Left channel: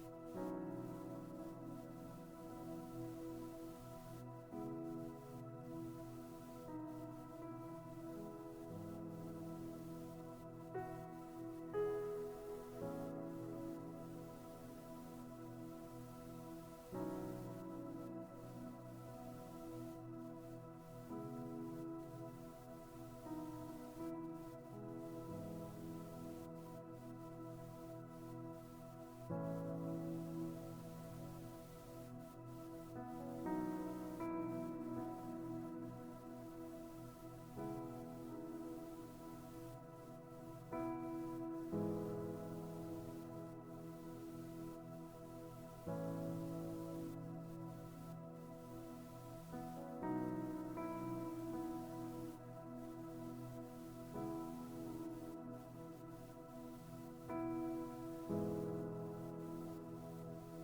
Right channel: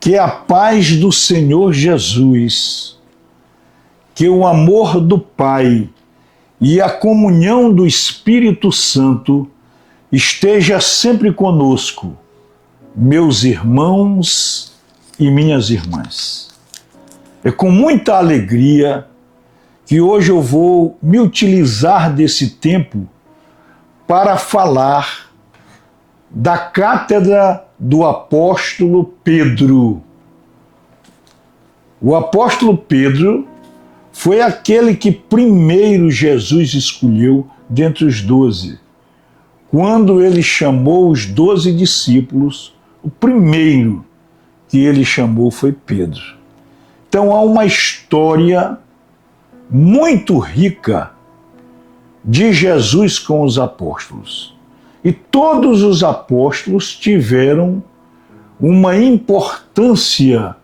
Que a paz do Senhor Jesus, que o amor do Pai e a comunhão do Espírito Santo esteja sempre conosco, meus irmãos e minhas irmãs. É com muita alegria que hoje eu vou me utilizar desse tempo para falar da cátedra do apóstolo Pedro. O apóstolo Pedro foi aquele que primeiro Jesus escolheu dentre os 12. Quando ele chamou os 12 discípulos, o primeiro que ele chamou foi Pedro. Então há uma história muito rica de Jesus com os apóstolos. E todos os apóstolos tiveram uma importância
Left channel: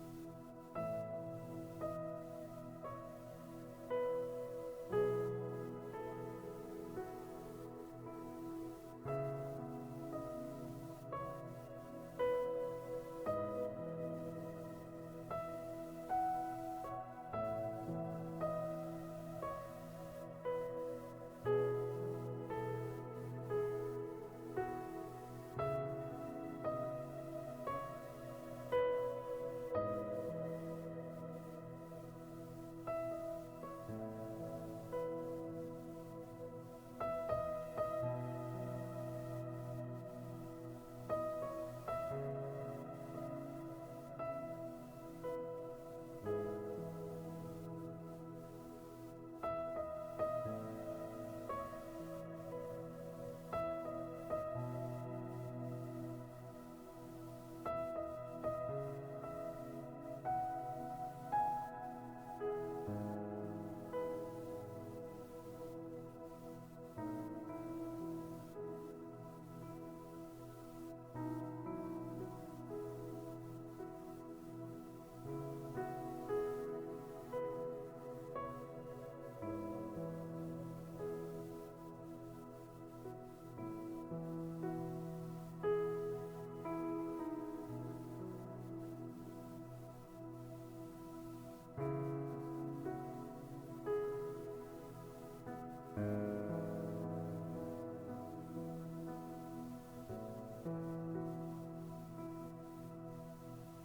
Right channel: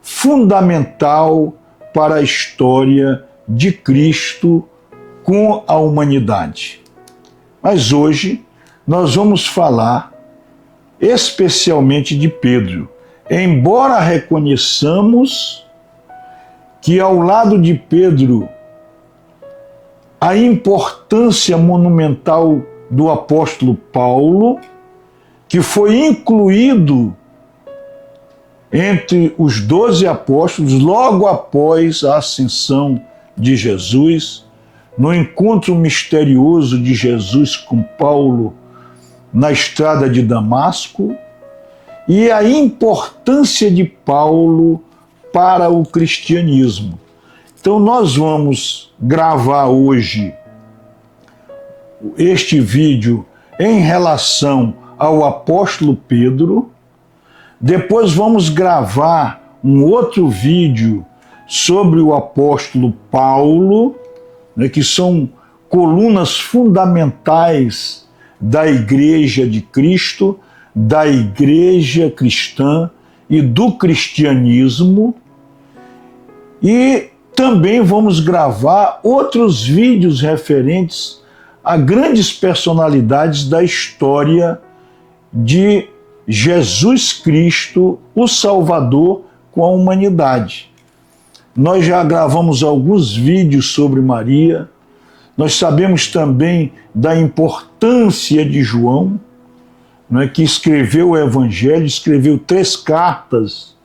fundamental para a história de Cristo com a humanidade. Mas hoje nós vamos falar especialmente de Pedro, embora reconheçamos que ao lado de Pedro a importância monumental do apóstolo Paulo, que foi incluído entre os 12 apóstolos logo após a ascensão de Jesus, no encontro misterioso de Jesus com Paulo na estrada de Damasco, e a importância de Paulo para o cristianismo. Então nós vamos gravar hoje este vídeo em relação ao apóstolo Pedro. Depois vamos gravar um outro vídeo sobre o apóstolo Paulo, que são colunas fundamentais da Igreja de Cristo, da Igreja cristã e do cristianismo. E também vamos gravar outros vídeos referentes a grandes personalidades da história de Jesus Cristo, o Salvador, com a humanidade. Nós já gravamos alguns vídeos sobre Maria, nós sabemos também da importância de João, que escreveu o Evangelho, escreveu 3 cartas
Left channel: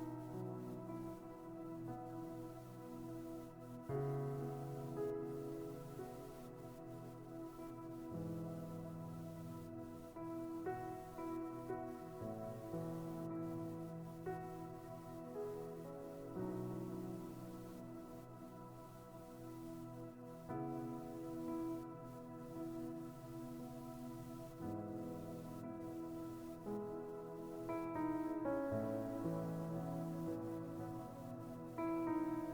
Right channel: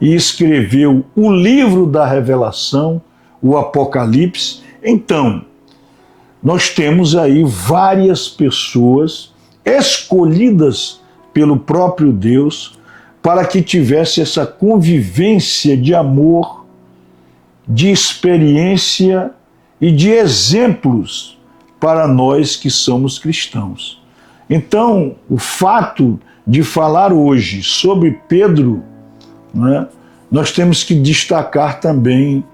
e escreveu o livro da Revelação, o Apocalipse. Então, nós temos aí várias pessoas escolhidas pelo próprio Deus para que tivesse essa convivência de amor, de experiência e de exemplos para nós que somos cristãos. Então, o fato de falar hoje sobre Pedro, nós temos que destacar também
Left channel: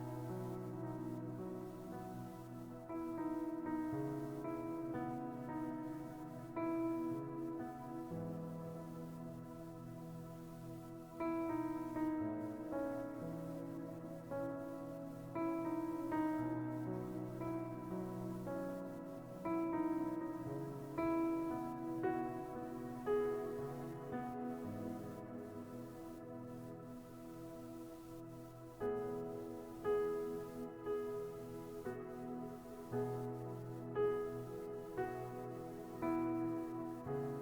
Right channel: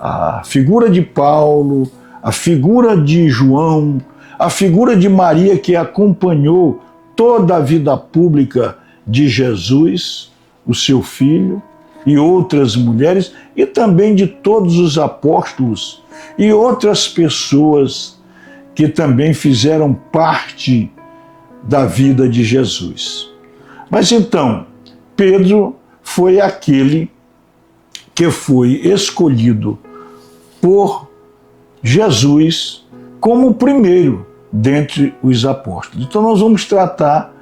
a figura de Paulo, a figura de João, a figura de Maria, que acompanhou toda a vida pública de Jesus, o seu filho, e outras mulheres, e também de todos os apóstolos e outras pessoas que também fizeram parte da vida de Jesus. Mas então, Pedro foi aquele que foi escolhido por Jesus como o primeiro dentre os apóstolos. Então nós vamos tratar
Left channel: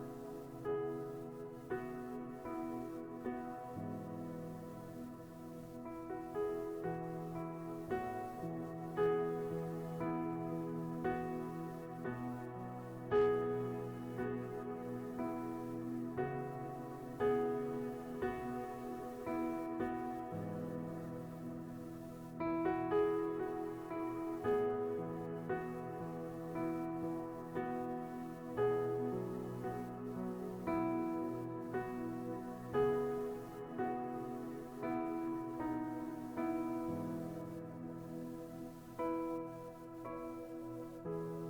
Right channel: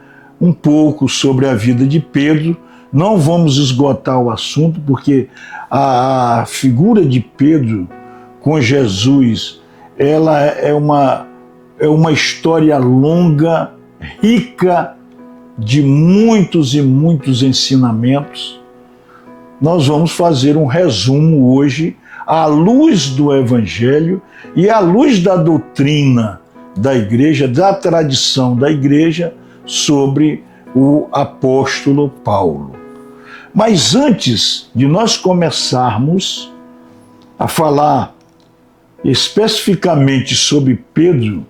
um pouco sobre a vida de Pedro, não vamos esgotar o assunto, porque a figura de Pedro com Jesus, ela é uma história longa, rica de muitos e muitos ensinamentos. Nós vamos fazer um resumo hoje à luz do Evangelho e à luz da doutrina da Igreja, da tradição da Igreja sobre o apóstolo Paulo. Mas antes de nós começarmos a falar especificamente sobre Pedro,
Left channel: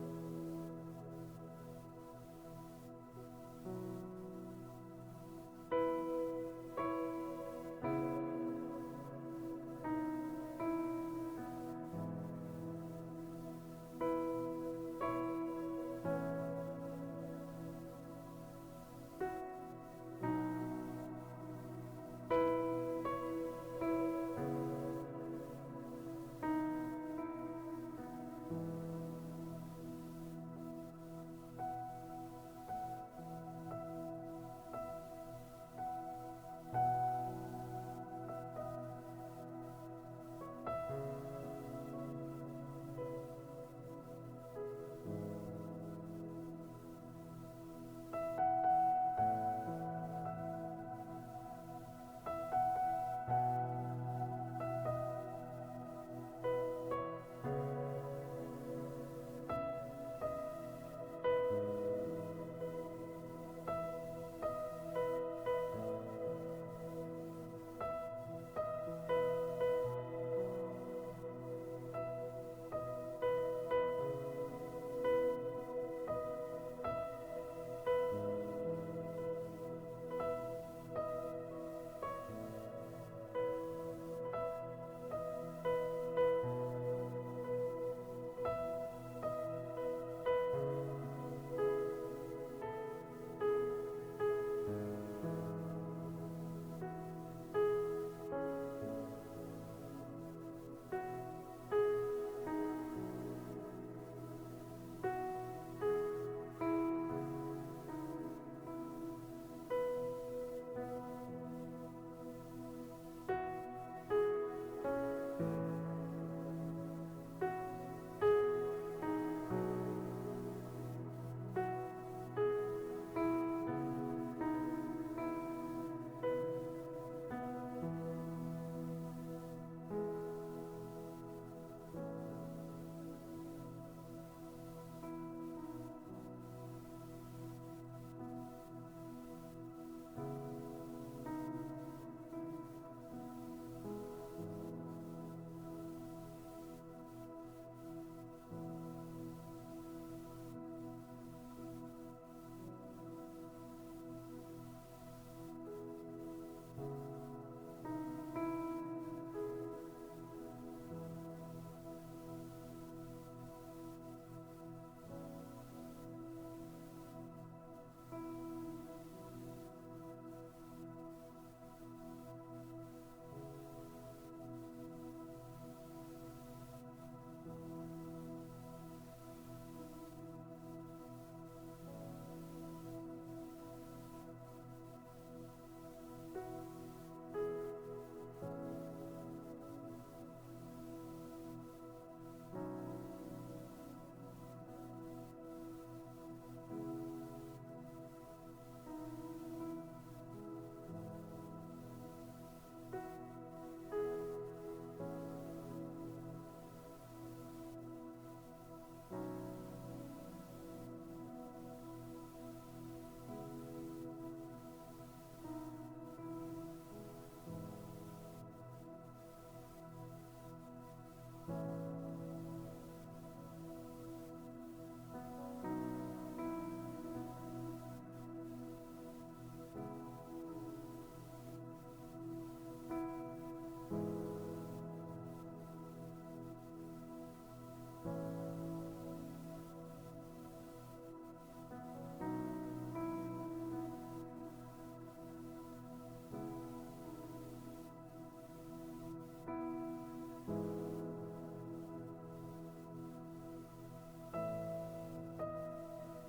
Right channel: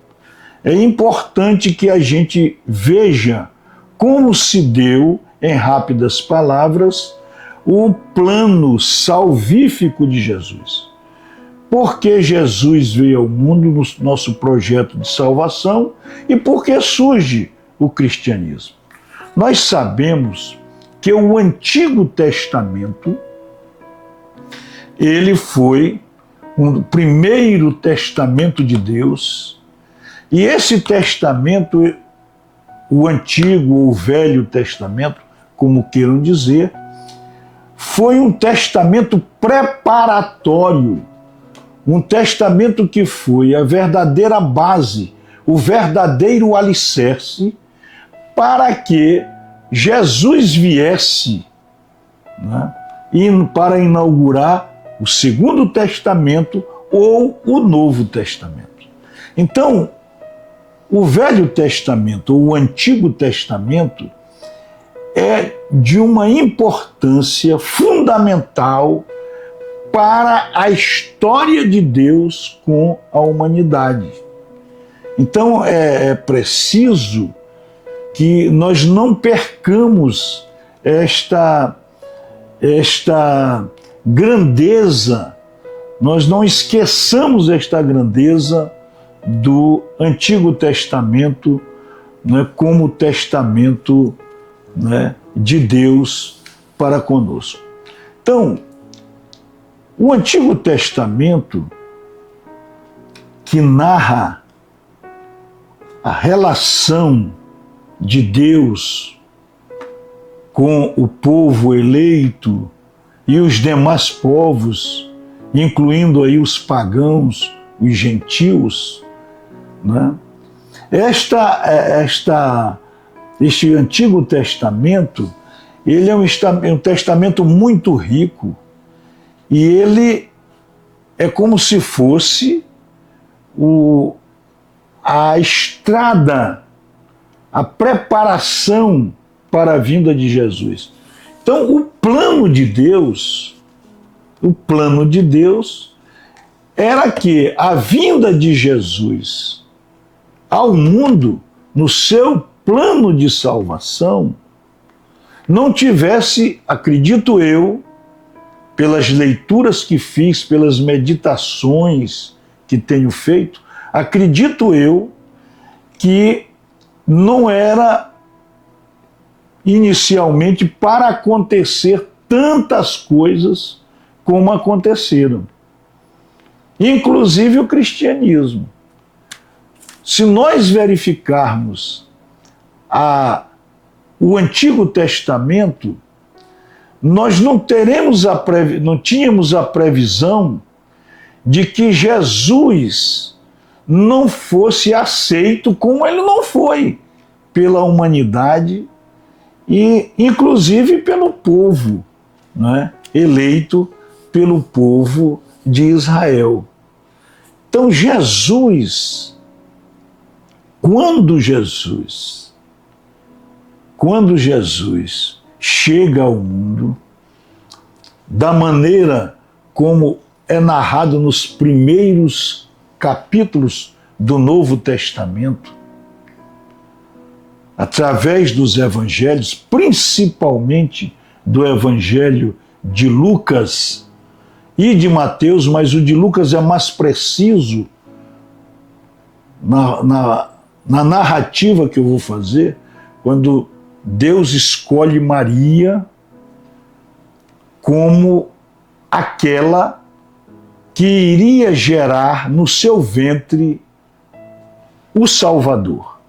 é importante que a gente veja como se deu, em rápidas palavras, o plano salvífico de Jesus. Porque Jesus veio ao mundo no nosso projeto de salvação e porque surge o cristianismo. Nós sabemos que o Antigo Testamento, ele foi o primeiro testamento de Deus, e esse testamento, o Antigo ou o Velho Testamento, como queiram dizer, foi um testamento preparatório, um testamento que foi a verdadeira base, o verdadeiro alicerce para que Jesus viesse, né, para inaugurar o Segundo Testamento ou o Novo Testamento. Então, o Velho Testamento ou o Antigo Testamento é de uma importância fundamental para a história de Deus com a humanidade. Então é preciso que nós não percamos esta grandeza, nós não esqueçamos esta grandeza do Antigo Testamento, né, como testamento, né, de Deus para conosco. Então, o Antigo Testamento, que narra a relação de Deus com o povo eleito e os demais povos, incluindo aí os pagãos, os gentios, né? Este Antigo Testamento, ele é um testamento muito rico, e ele é como se fosse a estrada, a preparação para a vinda de Jesus. Então, o plano de Deus era que a vinda de Jesus ao mundo, no seu plano de salvação, não tivesse, acredito eu, pelas leituras que fiz, pelas meditações que tenho feito, acredito eu que não era inicialmente para acontecer tantas coisas como aconteceram, inclusive o cristianismo. Se nós verificarmos o Antigo Testamento, nós não tínhamos a previsão de que Jesus não fosse aceito como ele não foi pela humanidade e inclusive pelo povo, né, eleito pelo povo de Israel. Então quando Jesus chega ao mundo, da maneira como é narrado nos primeiros capítulos do Novo Testamento, através dos evangelhos, principalmente do evangelho de Lucas e de Mateus, mas o de Lucas é mais preciso na narrativa que eu vou fazer, quando Deus escolhe Maria como aquela que iria gerar no seu ventre o Salvador.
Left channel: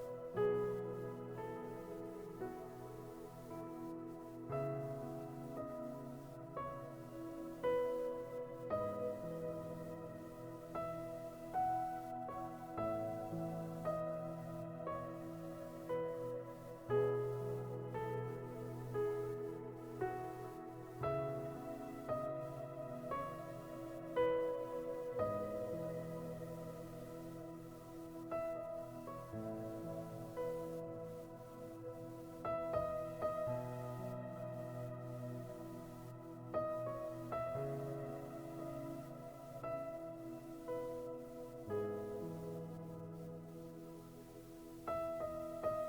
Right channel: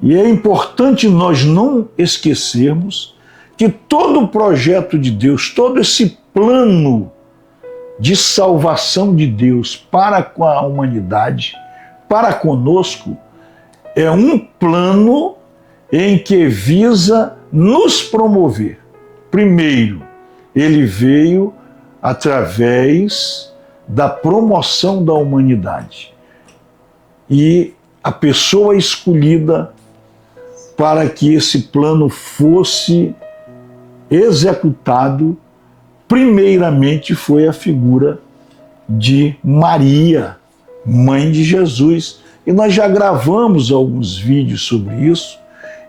E é importante nós não esquecermos que todo o projeto de Deus, todo esse plano de salvação de Deus para com a humanidade, para conosco, é um plano em que visa nos promover. Primeiro, ele veio através da promoção da humanidade. E a pessoa escolhida para que esse plano fosse executado, primeiramente foi a figura de Maria, mãe de Jesus. E nós já gravamos alguns vídeos sobre isso,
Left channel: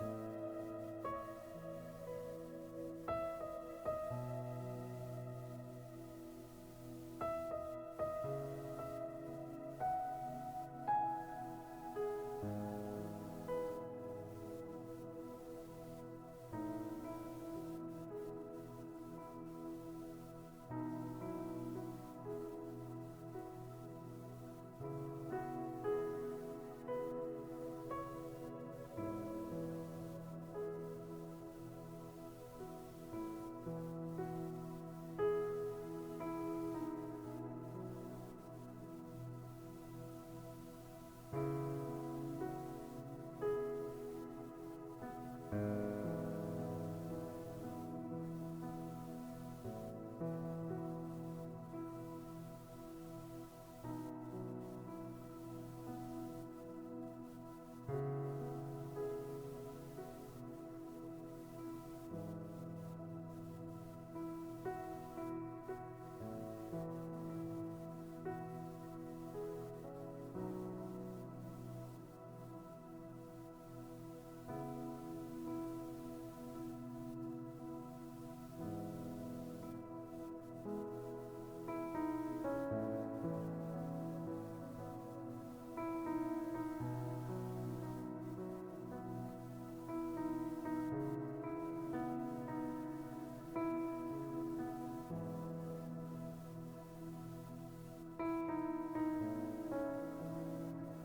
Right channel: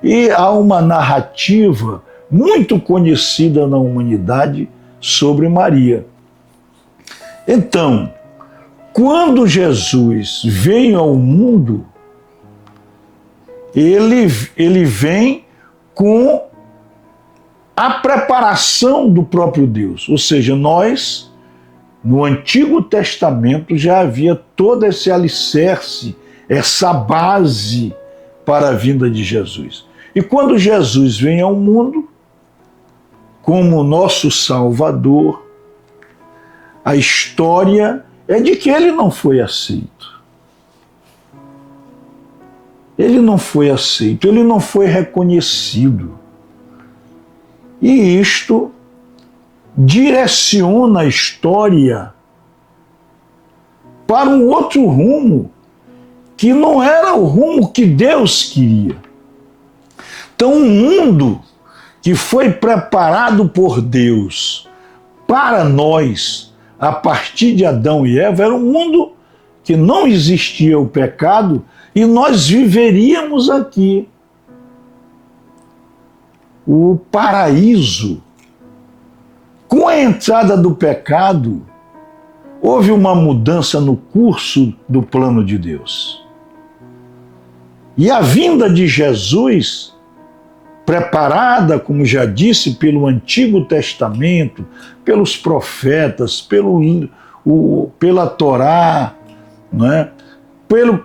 e há uma narrativa muito conhecida na humanidade sobre Maria. Então, quando Jesus veio ao mundo, ele vem com a preparação do próprio Deus. Ou seja, nós, no Antigo Testamento, já havia todo esse alicerce, essa base para a vinda de Jesus. E quando Jesus vem ao mundo, como nosso Salvador, a história é de que ele não foi aceito. Ele não foi aceito, ele não foi reconhecido. E isto direciona a história para um outro rumo, que não era o rumo que Deus queria. Então, um mundo que foi preparado por Deus para nós, a partir de Adão e Eva, era um mundo que não existia o pecado e nós viveríamos aqui. O paraíso. Com a entrada do pecado, houve uma mudança no curso do plano de Deus. E a vinda de Jesus, preparada, como já disse, pelo Antigo Testamento, pelos profetas, pela Torá, não é?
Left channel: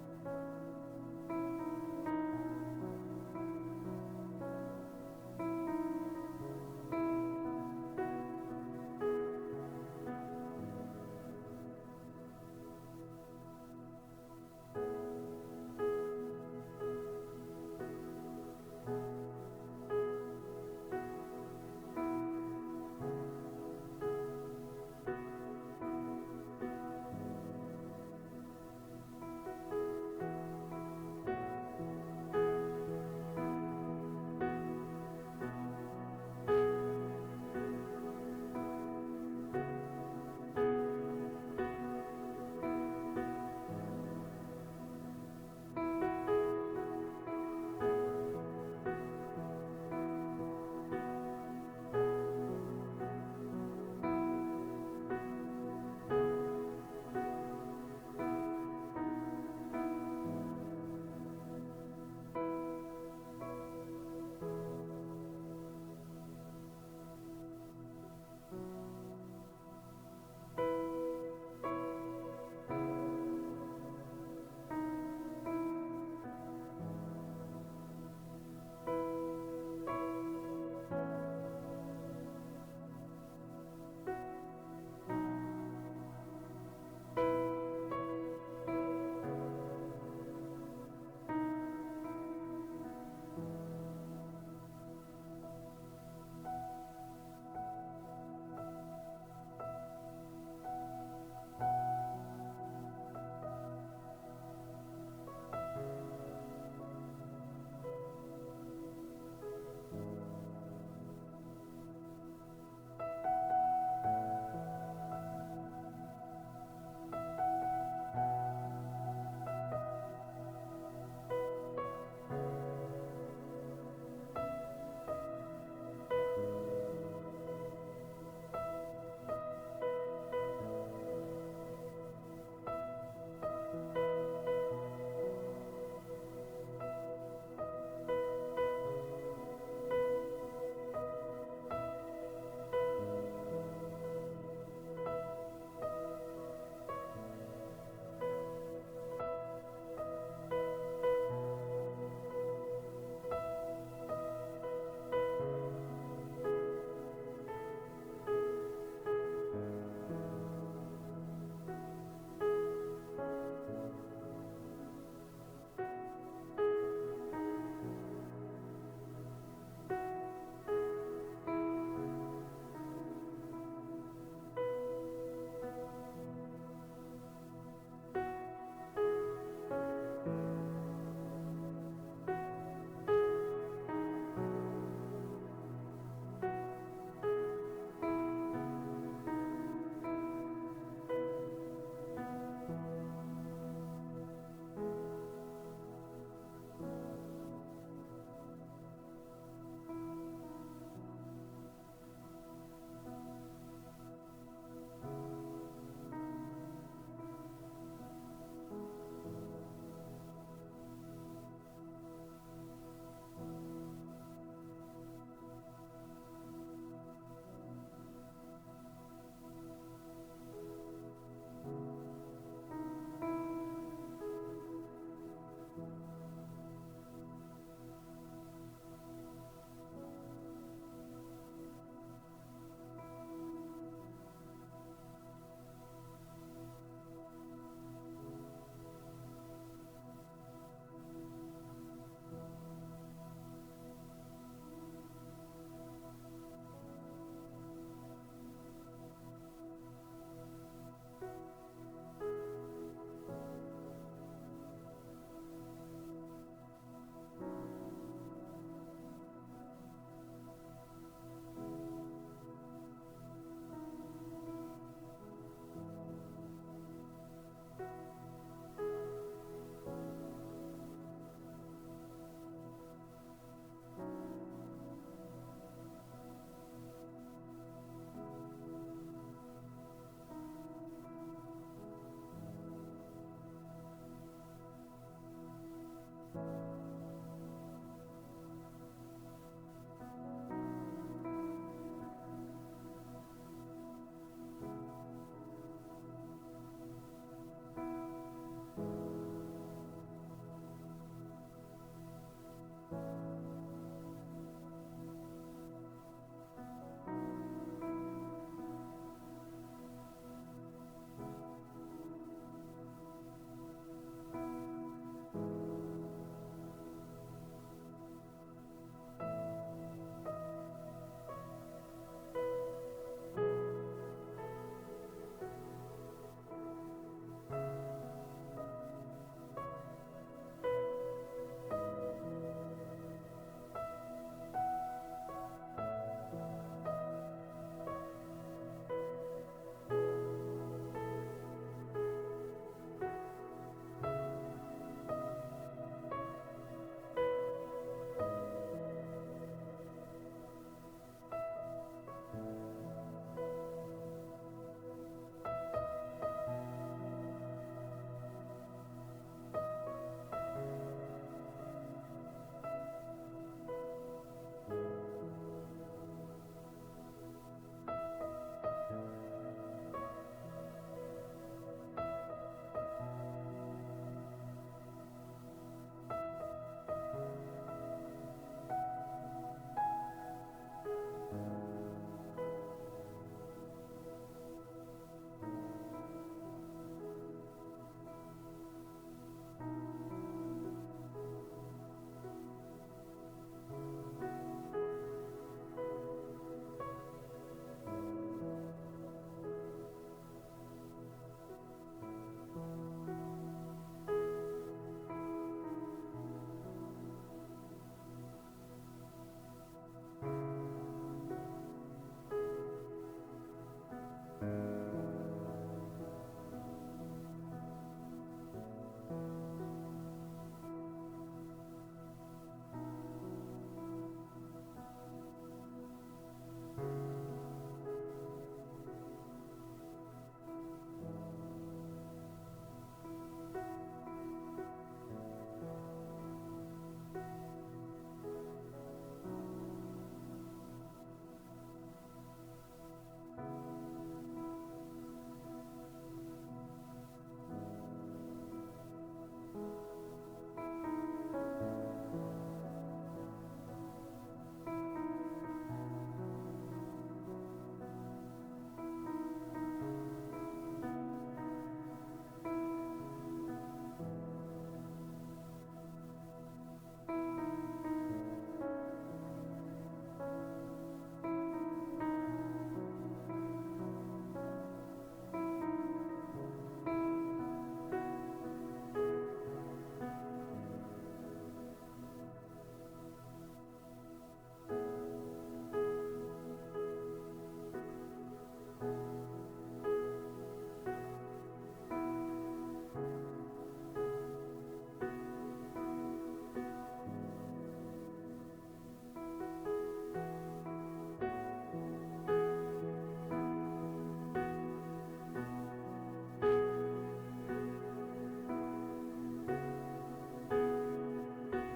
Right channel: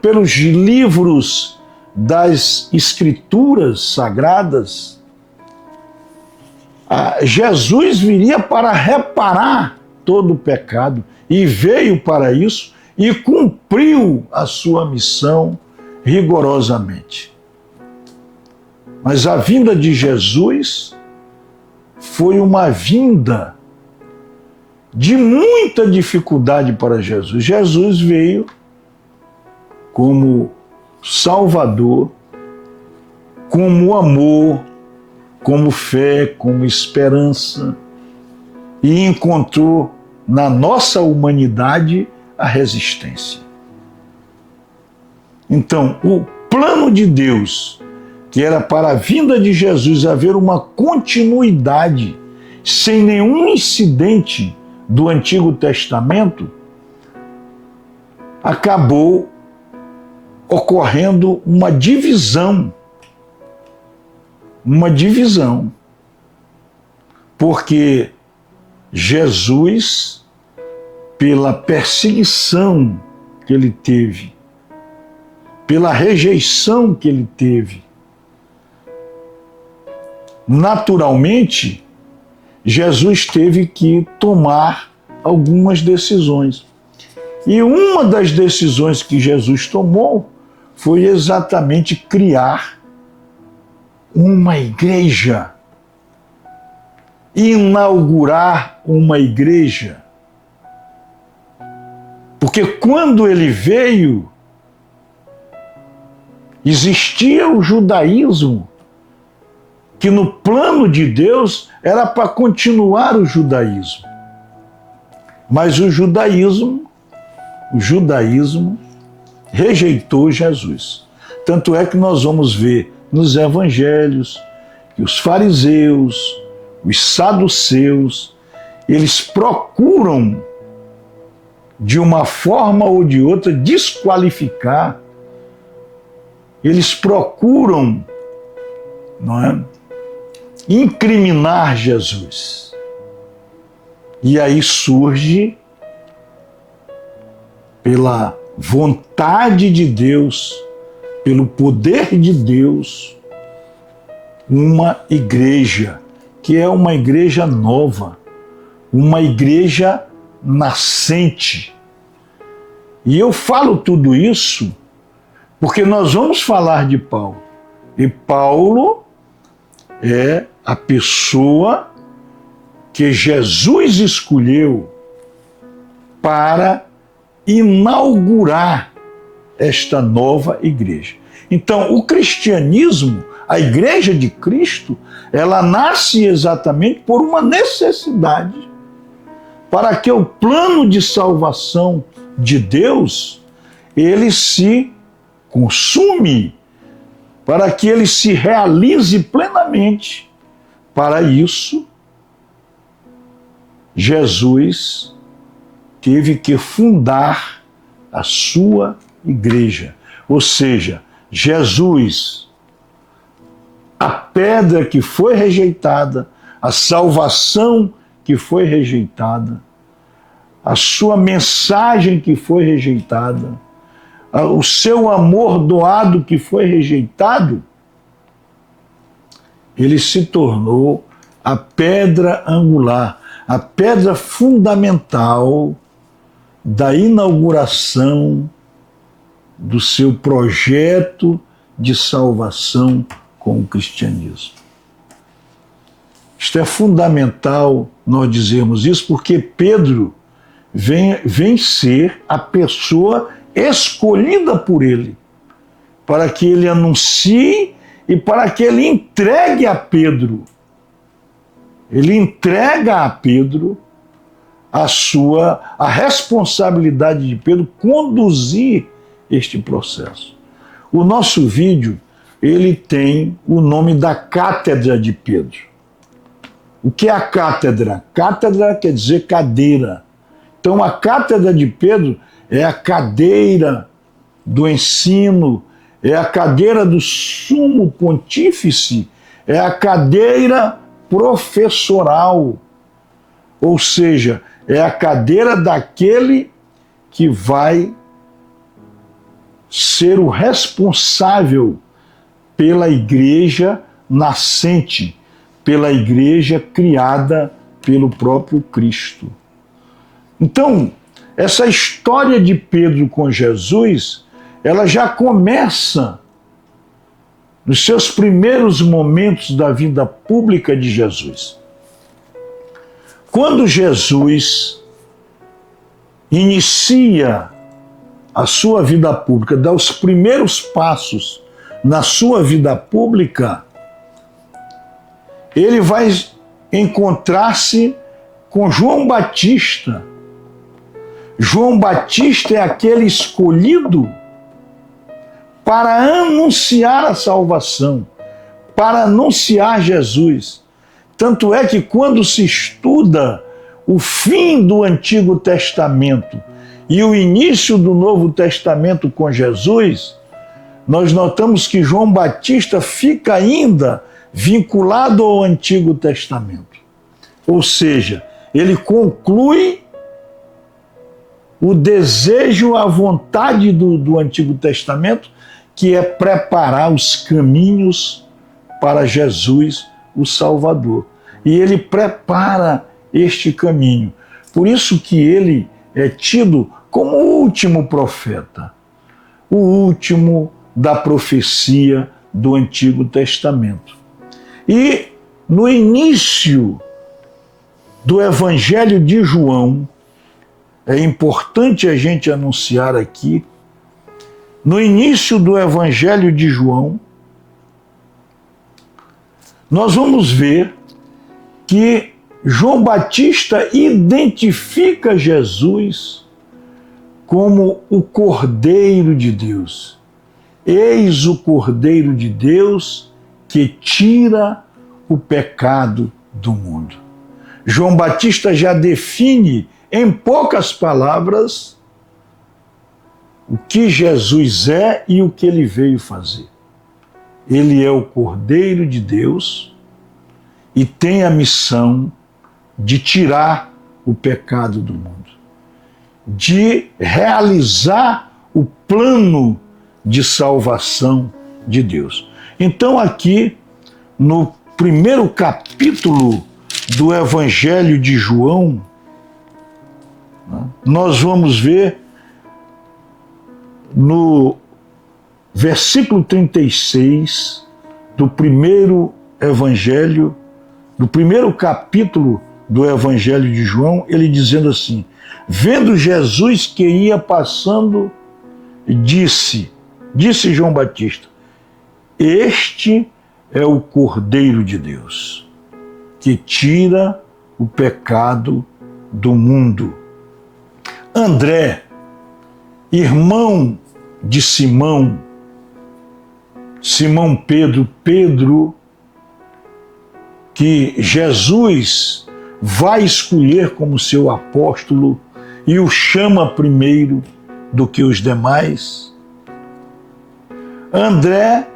Pelos livros das Escrituras Sagradas, Jesus viria para reparar todo o pecado e veio para isso e cumpriu a sua missão rigorosamente. Mas a vinda de Jesus foi uma vinda de muita dificuldade para Jesus. Jesus veio como Salvador, como amor, como fé, como esperança, e encontrou na nossa humanidade a resistência. Então, o plano de Deus, que era para a vinda de Jesus haver uma continuidade, sem nenhum incidente do Antigo Testamento, acabou ocorrendo uma divisão. Porque Jesus, pela perseguição que ele teve, pela rejeição que ele teve, naturalmente, Jesus teve que tomar algumas decisões. E uma das decisões que Jesus tomou foi exatamente criar uma igreja, inaugurar uma igreja. Porque quando ele veio, existia o judaísmo, que no plano de Deus era para continuar o judaísmo. Mas o judaísmo rejeitou Jesus. Tanto é que nós vamos ver nos evangelhos que os fariseus, os saduceus, eles procuram, de uma forma ou de outra, desqualificar. Eles procuram, não é, incriminar Jesus. E aí surge, pela vontade de Deus, pelo poder de Deus, uma igreja, que é uma igreja nova, uma igreja nascente. E eu falo tudo isso porque nós vamos falar de Paulo. E Paulo é a pessoa que Jesus escolheu para inaugurar esta nova igreja. Então, o cristianismo, a igreja de Cristo, ela nasce exatamente por uma necessidade, para que o plano de salvação de Deus, ele se consume, para que ele se realize plenamente. Para isso, Jesus teve que fundar a sua igreja. Ou seja, Jesus, a pedra que foi rejeitada, a salvação que foi rejeitada, a sua mensagem que foi rejeitada, o seu amor doado que foi rejeitado, ele se tornou a pedra angular, a pedra fundamental da inauguração do seu projeto de salvação com o cristianismo. Isto é fundamental nós dizermos isso, porque Pedro vem ser a pessoa escolhida por ele, para que ele anuncie e para que ele entregue a Pedro. Ele entrega a Pedro a responsabilidade de Pedro conduzir este processo. O nosso vídeo, ele tem o nome da Cátedra de Pedro. O que é a cátedra? Cátedra quer dizer cadeira. Então a Cátedra de Pedro é a cadeira do ensino, é a cadeira do sumo pontífice, é a cadeira professoral, ou seja, é a cadeira daquele que vai ser o responsável pela igreja nascente, pela igreja criada pelo próprio Cristo. Então, essa história de Pedro com Jesus, ela já começa nos seus primeiros momentos da vida pública de Jesus. Quando Jesus inicia a sua vida pública, dá os primeiros passos na sua vida pública, ele vai encontrar-se com João Batista. João Batista é aquele escolhido para anunciar a salvação, para anunciar Jesus. Tanto é que quando se estuda o fim do Antigo Testamento e o início do Novo Testamento com Jesus, nós notamos que João Batista fica ainda vinculado ao Antigo Testamento. Ou seja, ele conclui o desejo, a vontade do Antigo Testamento, que é preparar os caminhos para Jesus, o Salvador. E ele prepara este caminho. Por isso que ele é tido como o último profeta, o último da profecia do Antigo Testamento. E no início do Evangelho de João, é importante a gente anunciar aqui, no início do Evangelho de João, nós vamos ver que João Batista identifica Jesus como o Cordeiro de Deus. Eis o Cordeiro de Deus que tira o pecado do mundo. João Batista já define, em poucas palavras, o que Jesus é e o que ele veio fazer. Ele é o Cordeiro de Deus e tem a missão de tirar o pecado do mundo, de realizar o plano de salvação de Deus. Então aqui, no primeiro capítulo do Evangelho de João, nós vamos ver no versículo 36 do primeiro evangelho, do primeiro capítulo do Evangelho de João, ele dizendo assim: vendo Jesus que ia passando, disse João Batista, este é o Cordeiro de Deus, que tira o pecado do mundo. André, irmão de Simão Pedro, que Jesus vai escolher como seu apóstolo e o chama primeiro do que os demais. André,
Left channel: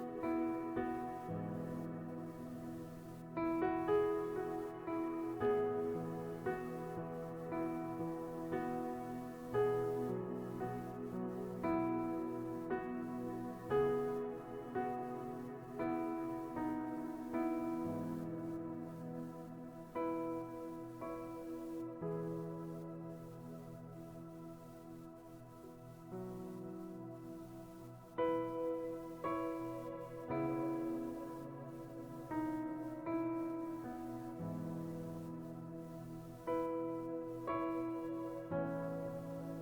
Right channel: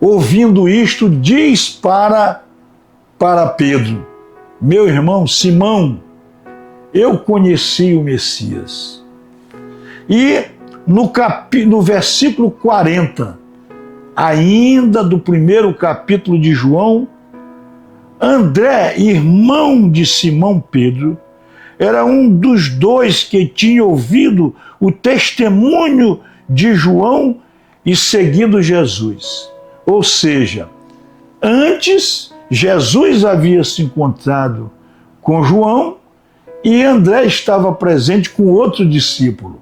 ouvindo isto, diz para Pedro, meu irmão Simão, eu conheci o Messias. E no versículo 40, ainda do primeiro capítulo de João, André, irmão de Simão Pedro, era um dos dois que tinha ouvido o testemunho de João e seguido Jesus. Ou seja, antes Jesus havia se encontrado com João e André estava presente com outro discípulo.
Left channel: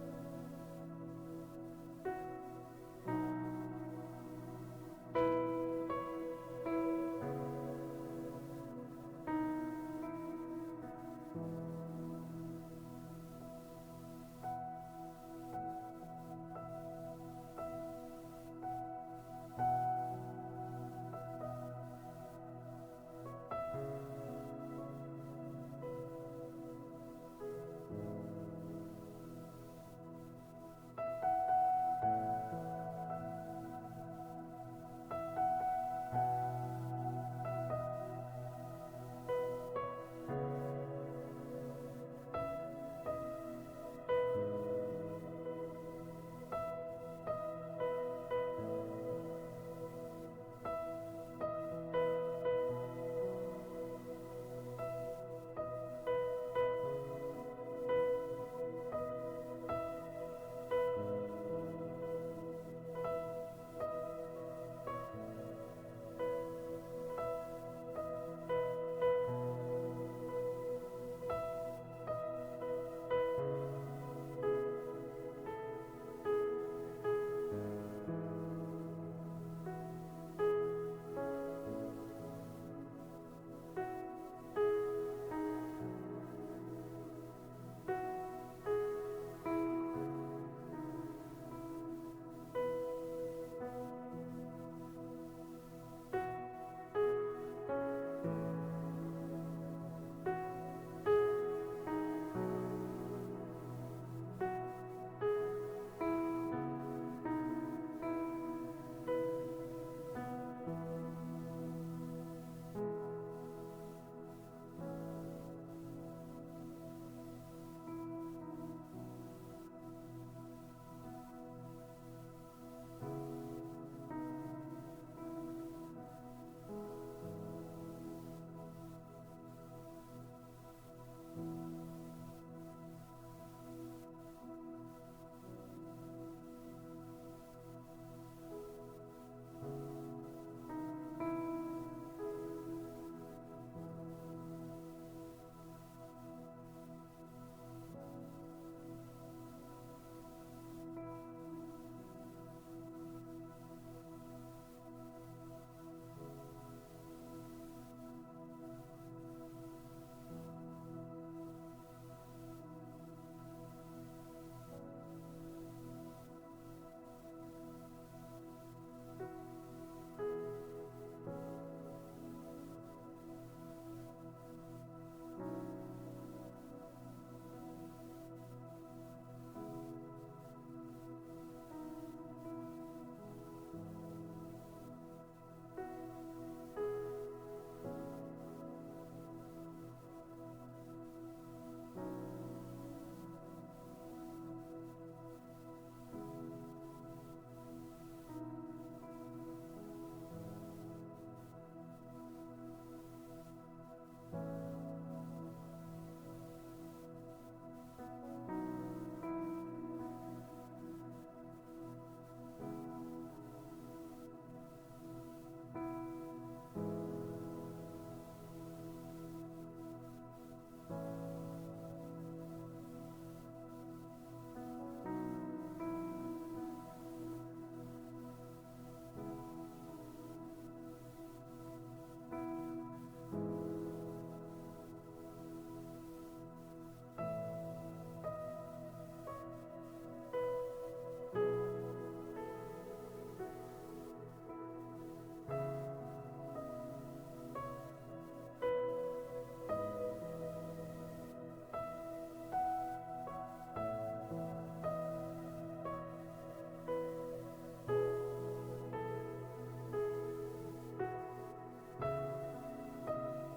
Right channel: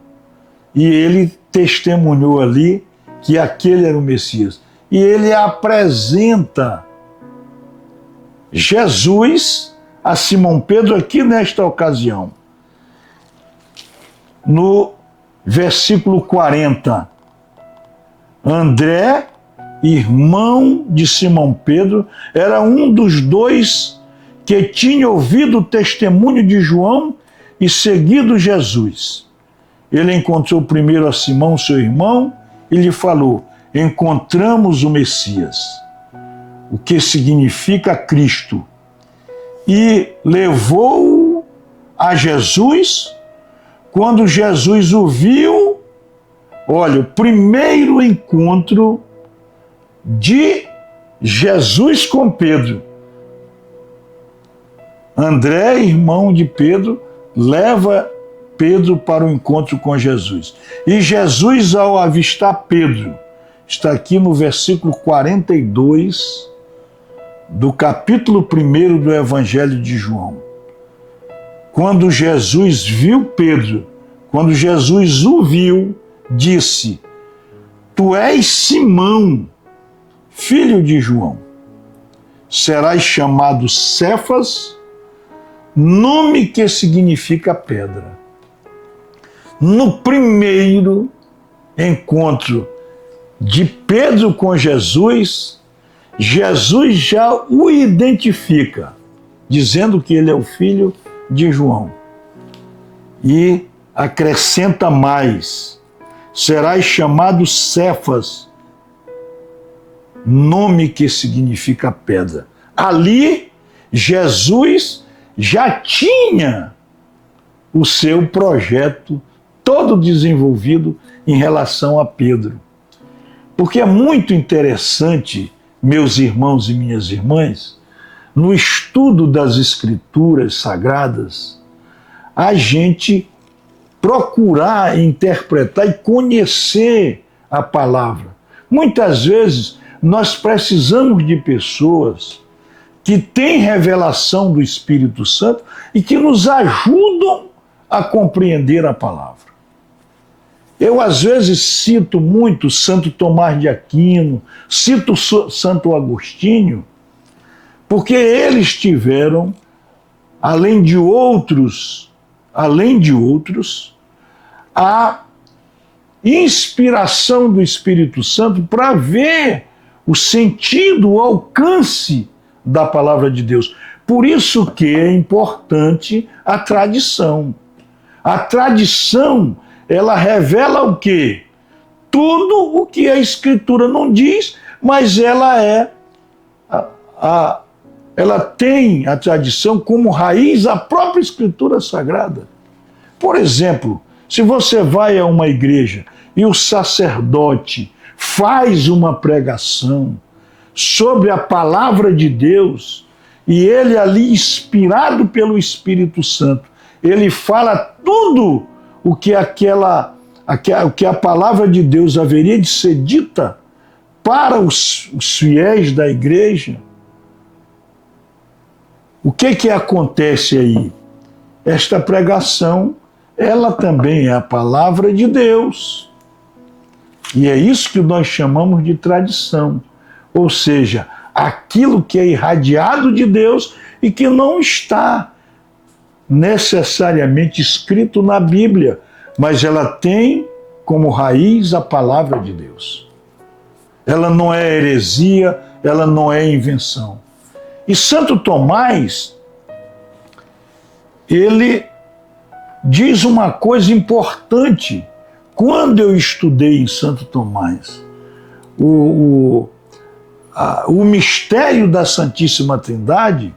E ele testemunhou ali que aquele era o Messias. E ele apresenta Jesus a Simão Pedro aqui nesta ocasião. No versículo 40, André, irmão de Simão Pedro, era um dos dois que tinha ouvido o testemunho de João e seguido Jesus. Ele encontrou primeiro a Simão, seu irmão, e lhe falou: encontramos o Messias, o que significa Cristo, e levou-o a Jesus. Quando Jesus o viu, olha, o primeiro encontro de Jesus com Pedro. André, irmão de Pedro, leva Pedro para o encontro com Jesus. E Jesus, ao avistar Pedro, está aqui no versículo 42 do capítulo 1 do Evangelho de João. Quando Jesus viu Pedro, quando Jesus o viu, disse: tu és Simão, filho de João. Serás chamado Cefas, nome que significa pedra. No primeiro encontro de Pedro com Jesus, Jesus já o identifica, dizendo que ele é o filho de João. E acrescenta mais: serás chamado Cefas, nome que significa pedra. Ali, Jesus já tinha o seu projeto todo desenvolvido em relação a Pedro. Porque é muito interessante, meus irmãos e minhas irmãs, no estudo das Escrituras Sagradas, a gente procurar interpretar e conhecer a palavra. Muitas vezes nós precisamos de pessoas que têm revelação do Espírito Santo e que nos ajudam a compreender a palavra. Eu, às vezes, cito muito Santo Tomás de Aquino, cito Santo Agostinho, porque eles tiveram, além de outros, a inspiração do Espírito Santo para ver o sentido, o alcance da palavra de Deus. Por isso que é importante a tradição. A tradição, ela revela o quê? Tudo o que a Escritura não diz, mas ela tem a tradição como raiz a própria Escritura Sagrada. Por exemplo, se você vai a uma igreja e o sacerdote faz uma pregação sobre a palavra de Deus, e ele ali, inspirado pelo Espírito Santo, ele fala tudo o que a palavra de Deus haveria de ser dita para os fiéis da igreja. O que acontece aí? Esta pregação, ela também é a palavra de Deus. E é isso que nós chamamos de tradição. Ou seja, aquilo que é irradiado de Deus e que não está necessariamente escrito na Bíblia, mas ela tem como raiz a palavra de Deus. Ela não é heresia, ela não é invenção. E Santo Tomás, ele diz uma coisa importante. Quando eu estudei em Santo Tomás o mistério da Santíssima Trindade,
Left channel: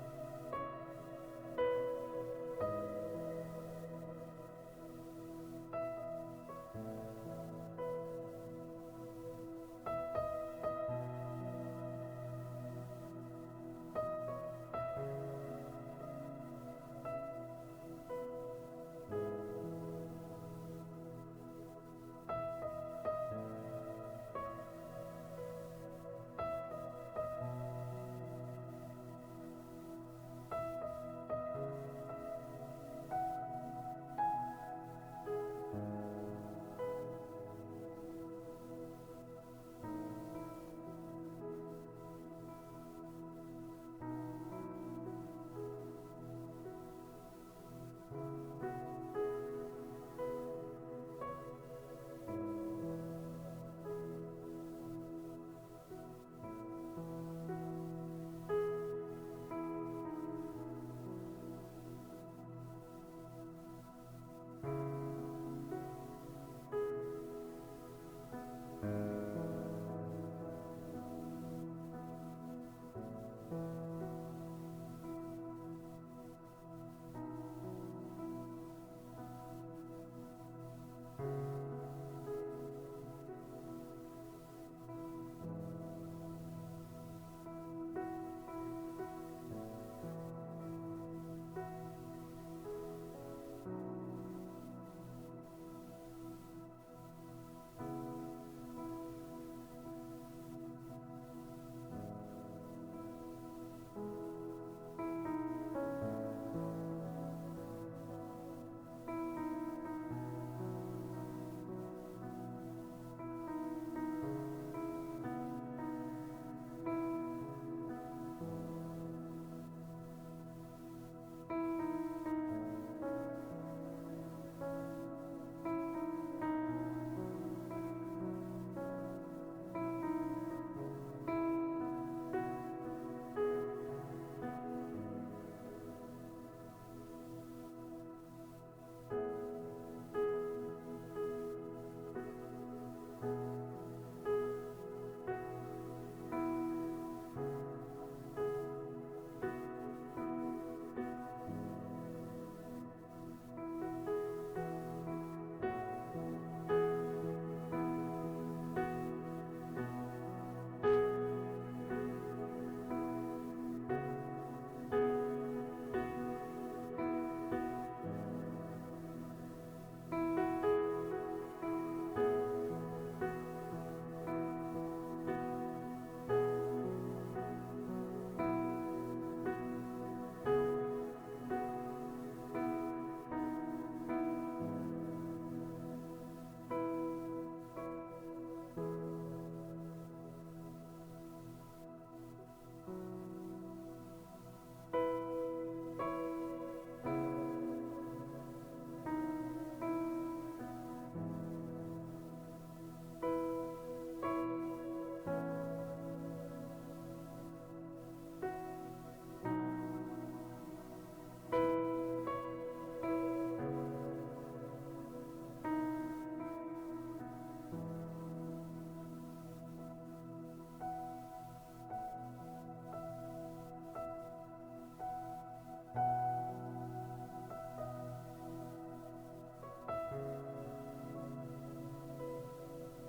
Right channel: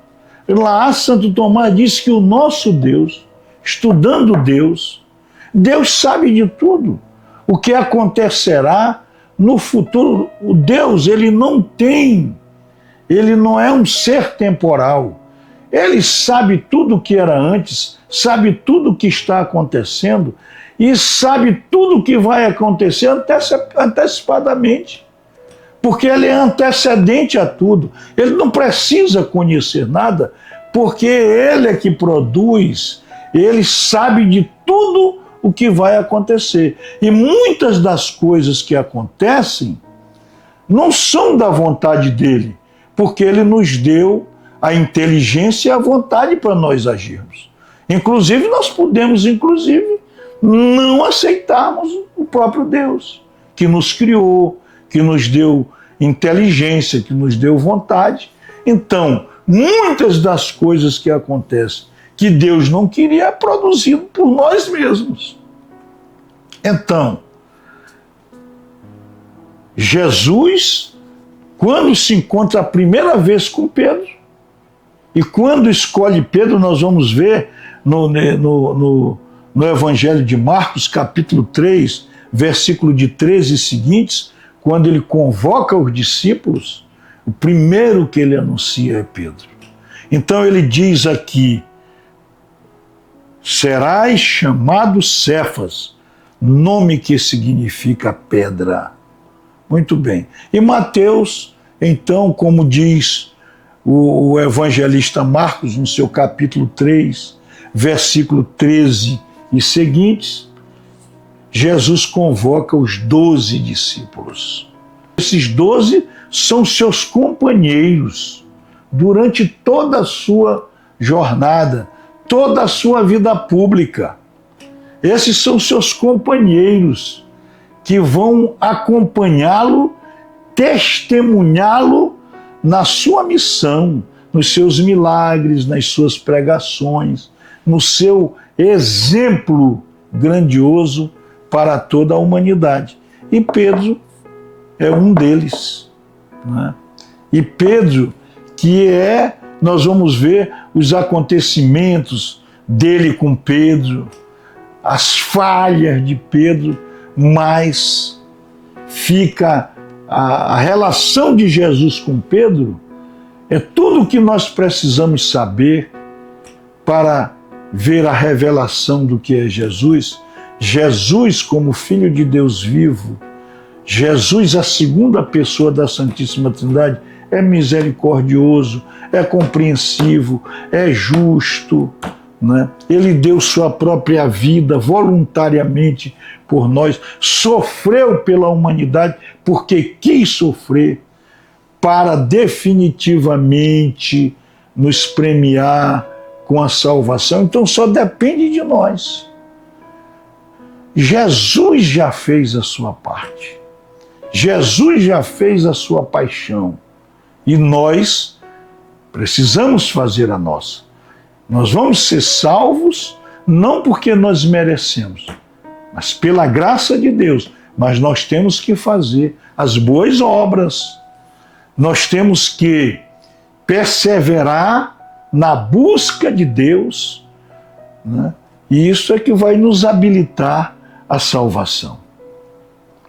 lá Santo Tomás disse que o nosso Deus, estudando Deus, Deus sabe de tudo. O que acontecerá no futuro. O Deus, ele não é um ser temporal. Ele sabe tudo o que era antes, sabe tudo o que está acontecendo e sabe tudo o que vai acontecer antecipadamente. Porque ele é antecedente a tudo. Ele não precisa conhecer nada, porque ele é que produz, ele sabe de tudo o que vai acontecer. E muitas das coisas que acontecem não são da vontade dele, porque ele nos deu a inteligência e a vontade para nós agirmos. Inclusive, nós podemos, não aceitarmos o próprio Deus, que nos criou, que nos deu inteligência, que nos deu vontade. Então, muitas das coisas que acontecem que Deus não queria é produzido por nós mesmos. Então, Jesus, quando se encontra a primeira vez com Pedro, e quando escolhe Pedro, nós vamos ver no Evangelho de Marcos, capítulo 3, versículo de 13 e seguintes, quando ele convoca os discípulos, o primeiro que ele anuncia é Pedro. Então ele diz aqui: serás chamado Cefas, nome que significa pedra. Muito bem. E Mateus, então, como diz o evangelista Marcos, no seu capítulo 3, versículo 13 e seguintes, Jesus convoca os 12 discípulos. Esses 12 são seus companheiros durante toda a sua jornada, toda a sua vida pública. Esses são seus companheiros que vão acompanhá-lo, testemunhá-lo na sua missão, nos seus milagres, nas suas pregações, no seu exemplo grandioso para toda a humanidade. E Pedro é um deles, né? E Pedro, nós vamos ver os acontecimentos dele com Pedro, as falhas de Pedro, mas fica a relação de Jesus com Pedro, é tudo o que nós precisamos saber para ver a revelação do que é Jesus. Jesus como Filho de Deus vivo, Jesus, a segunda pessoa da Santíssima Trindade, é misericordioso, é compreensivo, é justo, né? Ele deu sua própria vida voluntariamente por nós, sofreu pela humanidade porque quis sofrer para definitivamente nos premiar com a salvação. Então só depende de nós. Jesus já fez a sua parte. Jesus já fez a sua paixão. E nós precisamos fazer a nossa. Nós vamos ser salvos não porque nós merecemos, mas pela graça de Deus. Mas nós temos que fazer as boas obras. Nós temos que perseverar na busca de Deus, né? E isso é que vai nos habilitar à salvação.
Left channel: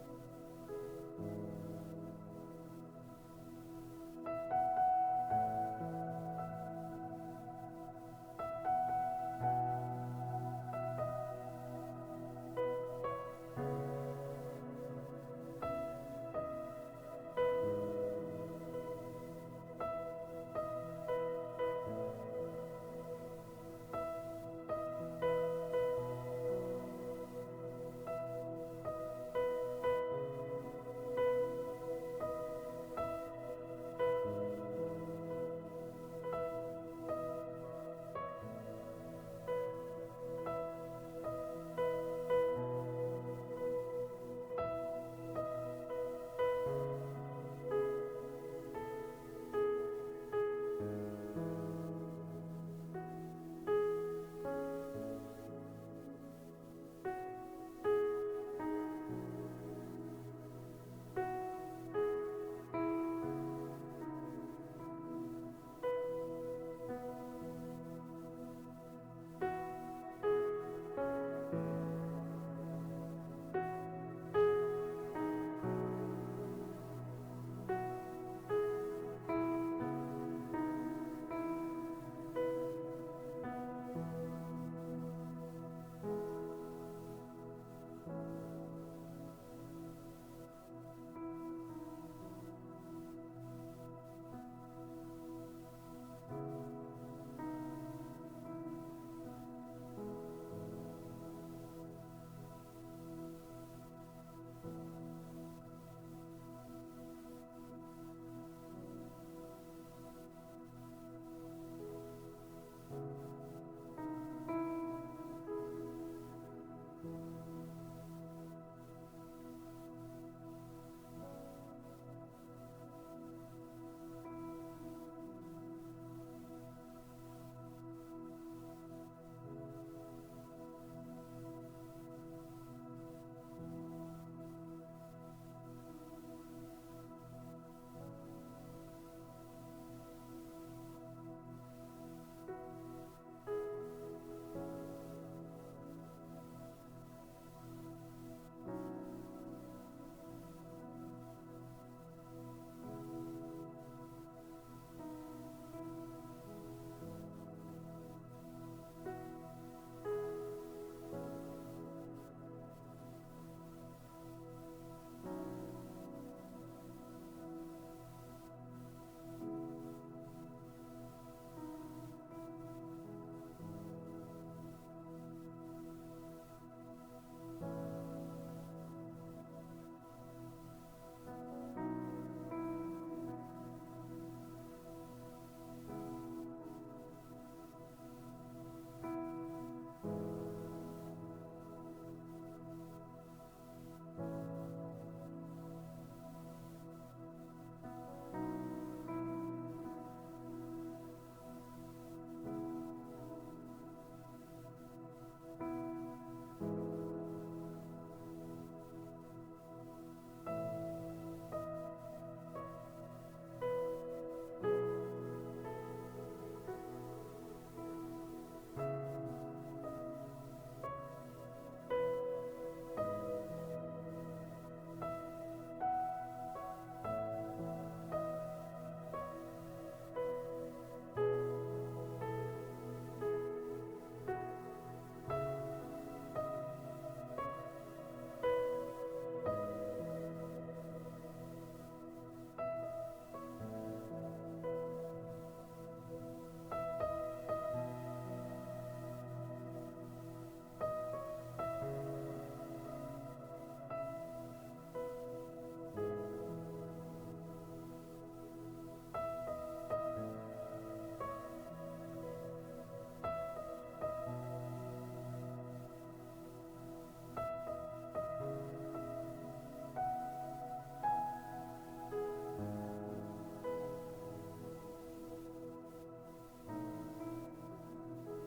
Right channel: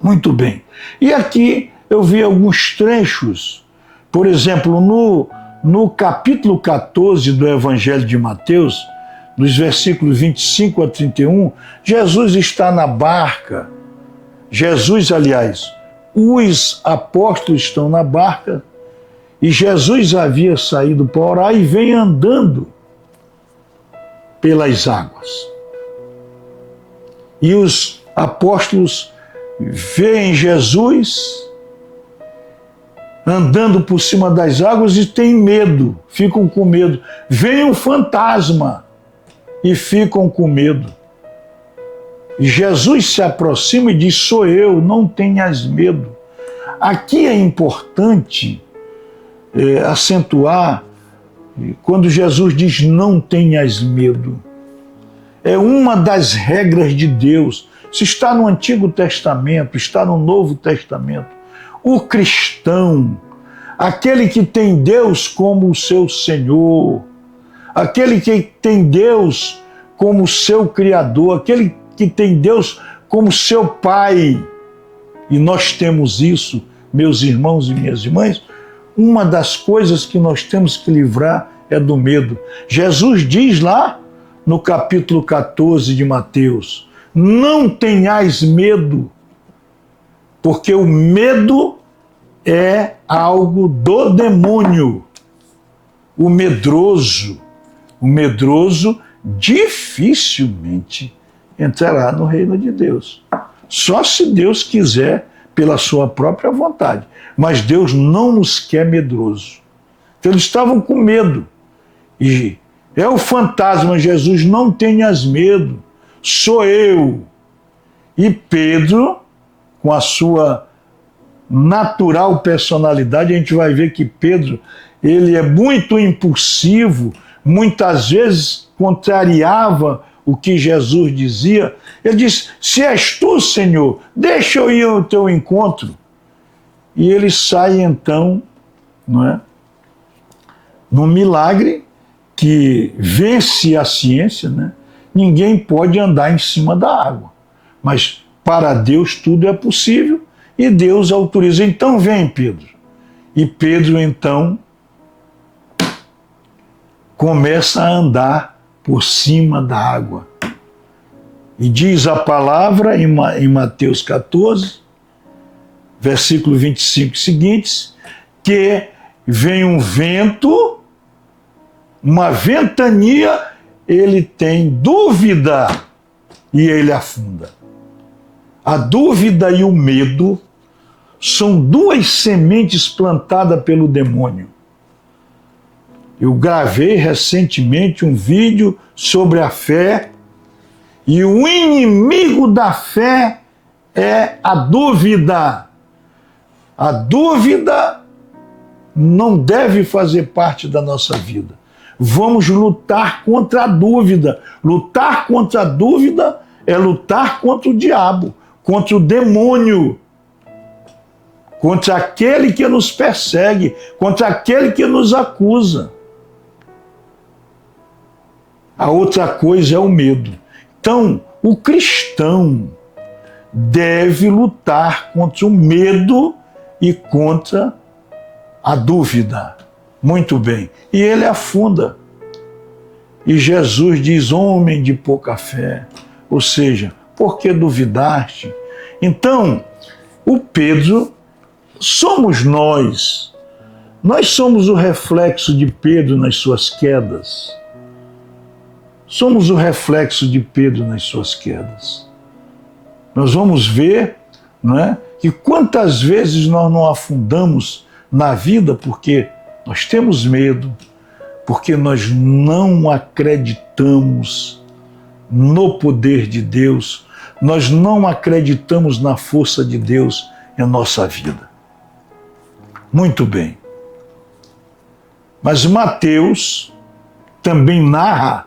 Muito bem. E aqui eu vi alguns trechos, por exemplo, no capítulo 14 do Evangelho de Mateus, nos versículos 25 a 31, Jesus está na barca. Jesus, aliás, os apóstolos estão na barca e Jesus havia saído para orar e vem andando pelas águas. E os apóstolos veem Jesus andando por cima das águas e têm medo, ficam com medo. Vem um fantasma e ficam com medo. E Jesus se aproxima e diz: sou eu, não tenhas medo. Aqui é importante acentuar, quando Jesus diz não tenhas medo. É uma das regras de Deus. Se está no Antigo Testamento, está no Novo Testamento. O cristão, aquele que tem Deus como o seu Senhor, aquele que tem Deus como seu Criador, aquele que tem Deus como seu Pai. E nós temos isso, meus irmãos e minhas irmãs. Uma das coisas que nós temos que livrar é do medo. Jesus diz lá no capítulo 14 de Mateus: não tenhais medo, porque o medo é algo do demônio. O medroso dificilmente entrará no reino de Deus. Só se Deus quiser, pela sua própria vontade. Mas Deus não nos quer medroso. Então eles estavam com medo. E é o fantasma: Jesus, não tenhas medo, sou eu. E Pedro, com a sua natural personalidade, a gente vai ver que Pedro, ele é muito impulsivo, muitas vezes contrariava o que Jesus dizia. Ele disse: se és tu, Senhor, deixa eu ir ao teu encontro. E ele sai então, não é, num milagre que vence a ciência, né? Ninguém pode andar em cima da água, mas para Deus tudo é possível e Deus autoriza. Então vem, Pedro. E Pedro então começa a andar por cima da água. E diz a palavra em Mateus 14, versículo 25 seguintes, que vem um vento, uma ventania, ele tem dúvida e ele afunda. A dúvida e o medo são duas sementes plantadas pelo demônio. Eu gravei recentemente um vídeo sobre a fé, e o inimigo da fé é a dúvida. A dúvida não deve fazer parte da nossa vida. Vamos lutar contra a dúvida. Lutar contra a dúvida é lutar contra o diabo, contra o demônio, contra aquele que nos persegue, contra aquele que nos acusa. A outra coisa é o medo. Então, o cristão deve lutar contra o medo e contra a dúvida. Muito bem. E ele afunda. E Jesus diz: homem de pouca fé. Ou seja, por que duvidaste? Então, o Pedro somos nós. Nós somos o reflexo de Pedro nas suas quedas. Somos o reflexo de Pedro nas suas quedas. Nós vamos ver, não é, que quantas vezes nós não afundamos na vida porque nós temos medo, porque nós não acreditamos no poder de Deus, nós não acreditamos na força de Deus em nossa vida. Muito bem. Mas Mateus também narra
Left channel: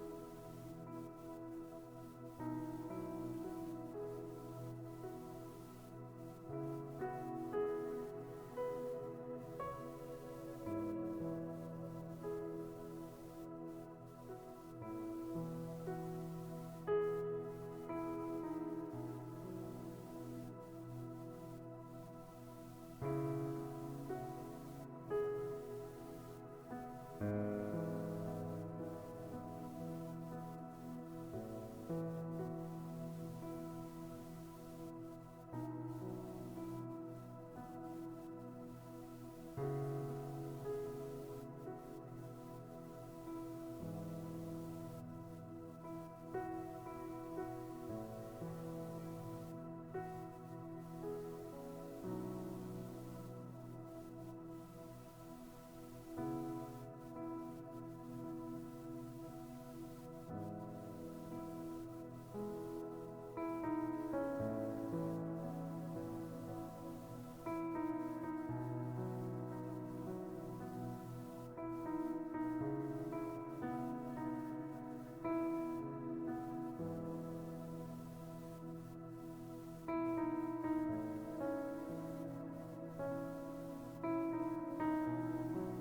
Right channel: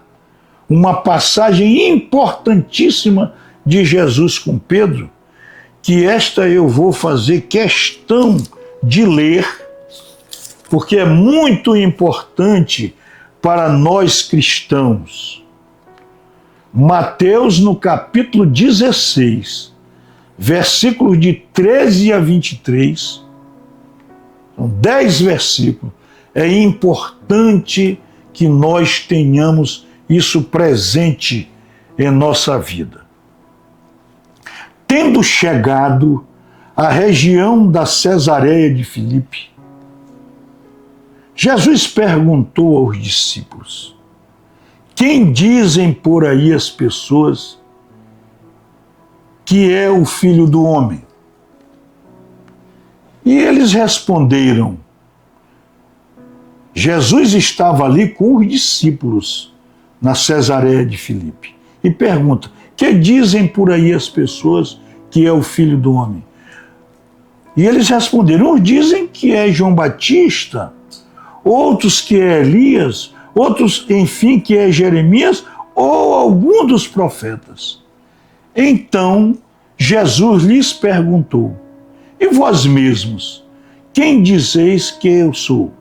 uma passagem importantíssima de Jesus com Pedro, que esta eu vou fazer questão de ler, porque é muito importante para nós cristãos. Mateus, no capítulo 16, versículos de 13 a 23, são 10 versículos. É importante que nós tenhamos isso presente em nossa vida. Tendo chegado à região da Cesareia de Filipe, Jesus perguntou aos discípulos: quem dizem por aí as pessoas que é o Filho do Homem? E eles responderam. Jesus estava ali com os discípulos na Cesareia de Filipe e pergunta: que dizem por aí as pessoas que é o Filho do Homem? E eles responderam: uns dizem que é João Batista, outros que é Elias, outros, enfim, que é Jeremias ou algum dos profetas. Então Jesus lhes perguntou: e vós mesmos, quem dizeis que eu sou?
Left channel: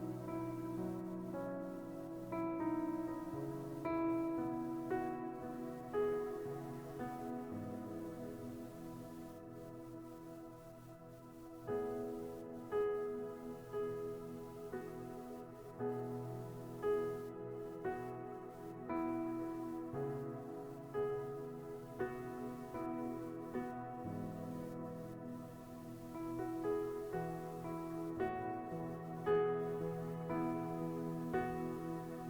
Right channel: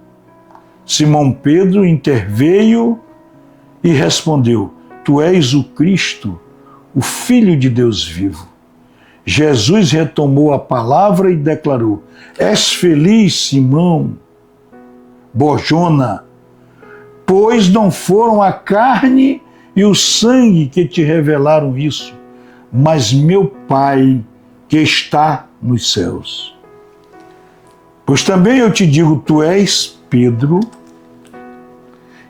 Simão Pedro interveio e respondeu: Tu és o Cristo, o Filho de Deus vivo. Jesus retomou a palavra e declarou: És feliz, Simão Barjona, pois não foram a carne e o sangue que te revelaram isso, mas meu Pai que está nos céus. Pois também eu te digo, tu és Pedro,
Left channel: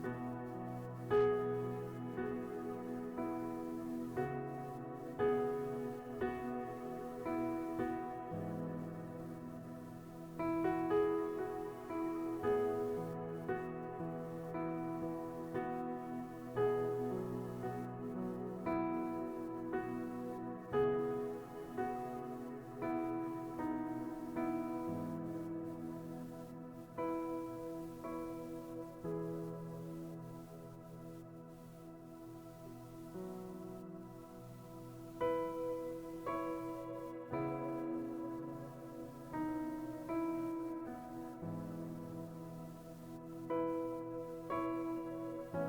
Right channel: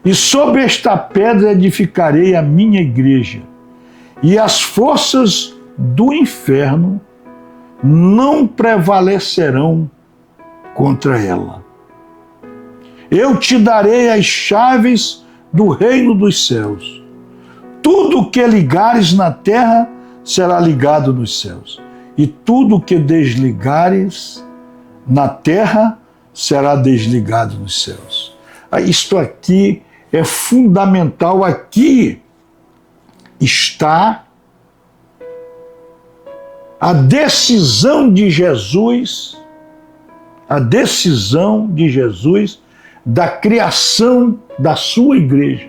e sobre esta pedra edificarei a minha igreja, e as forças do inferno não prevalecerão contra ela. Eu te darei as chaves do reino dos céus. Tudo o que ligares na terra será ligado nos céus, e tudo o que desligares na terra será desligado nos céus. Isto aqui é fundamental. Aqui está a decisão de Jesus, da criação da sua igreja.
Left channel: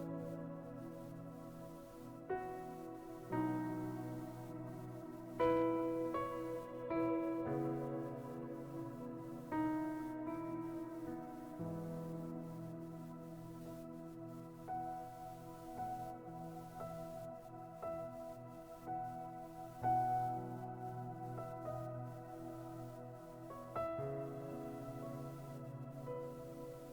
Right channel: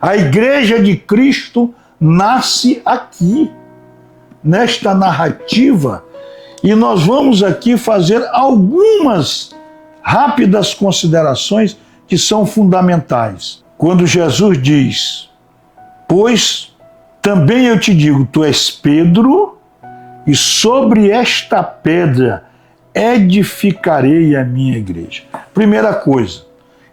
A igreja de Cristo nasce aqui, nesta narrativa, e nós vamos aqui fazer algumas rápidas considerações que são fundamentais. Quando Jesus diz: Pois também eu te digo, tu és Pedro, e sobre esta pedra edificarei a minha igreja. Primeira coisa,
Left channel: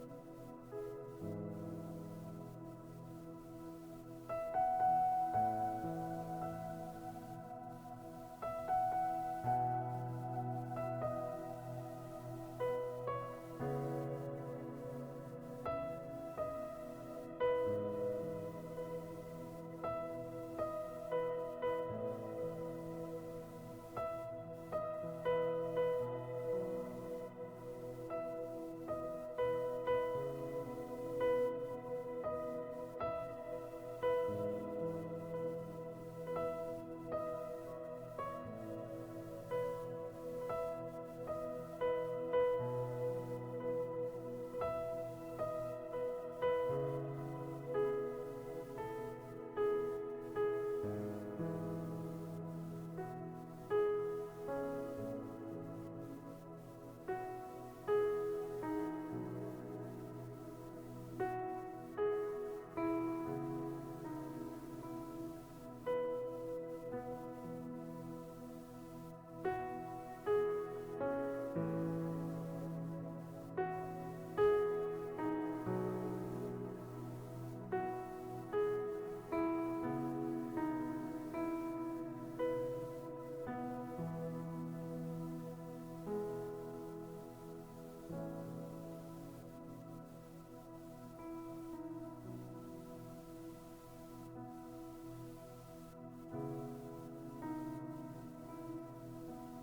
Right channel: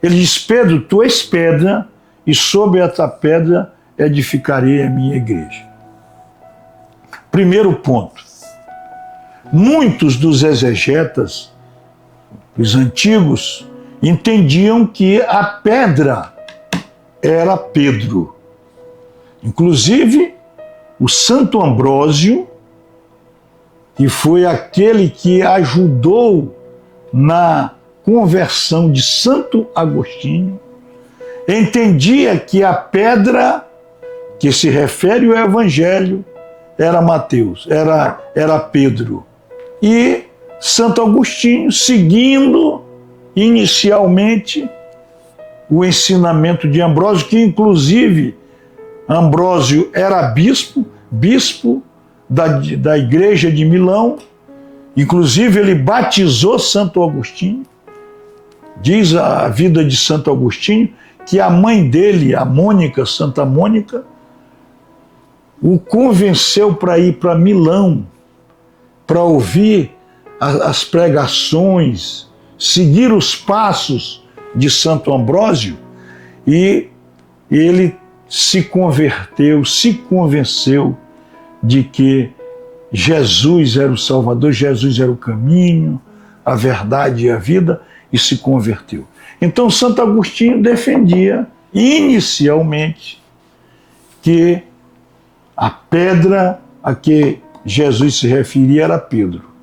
ele diz: Pedro, tu és pedra, e sobre esta pedra edificarei a minha igreja. Primeiro ponto. Muitos dos exegetas, os antigos, entendiam que a pedra era Pedro. Inclusive, o Santo Ambrósio, que foi aquele que ajudou na conversão de Santo Agostinho, entendia que a pedra que se refere ao Evangelho era Mateus, era Pedro. E Santo Agostinho, seguindo inicialmente o ensinamento de Ambrósio, que inclusive Ambrósio era bispo da igreja de Milão, inclusive ele batizou Santo Agostinho. Diz a vida de Santo Agostinho que a mãe dele, a Mônica, Santa Mônica, o convenceu para ir para Milão, para ouvir as pregações, seguir os passos de Santo Ambrósio, e ele se convenceu de que Jesus era o Salvador, Jesus era o caminho, a verdade e a vida, e se converteu. Então Santo Agostinho defendia inicialmente que a pedra a que Jesus se referia era Pedro.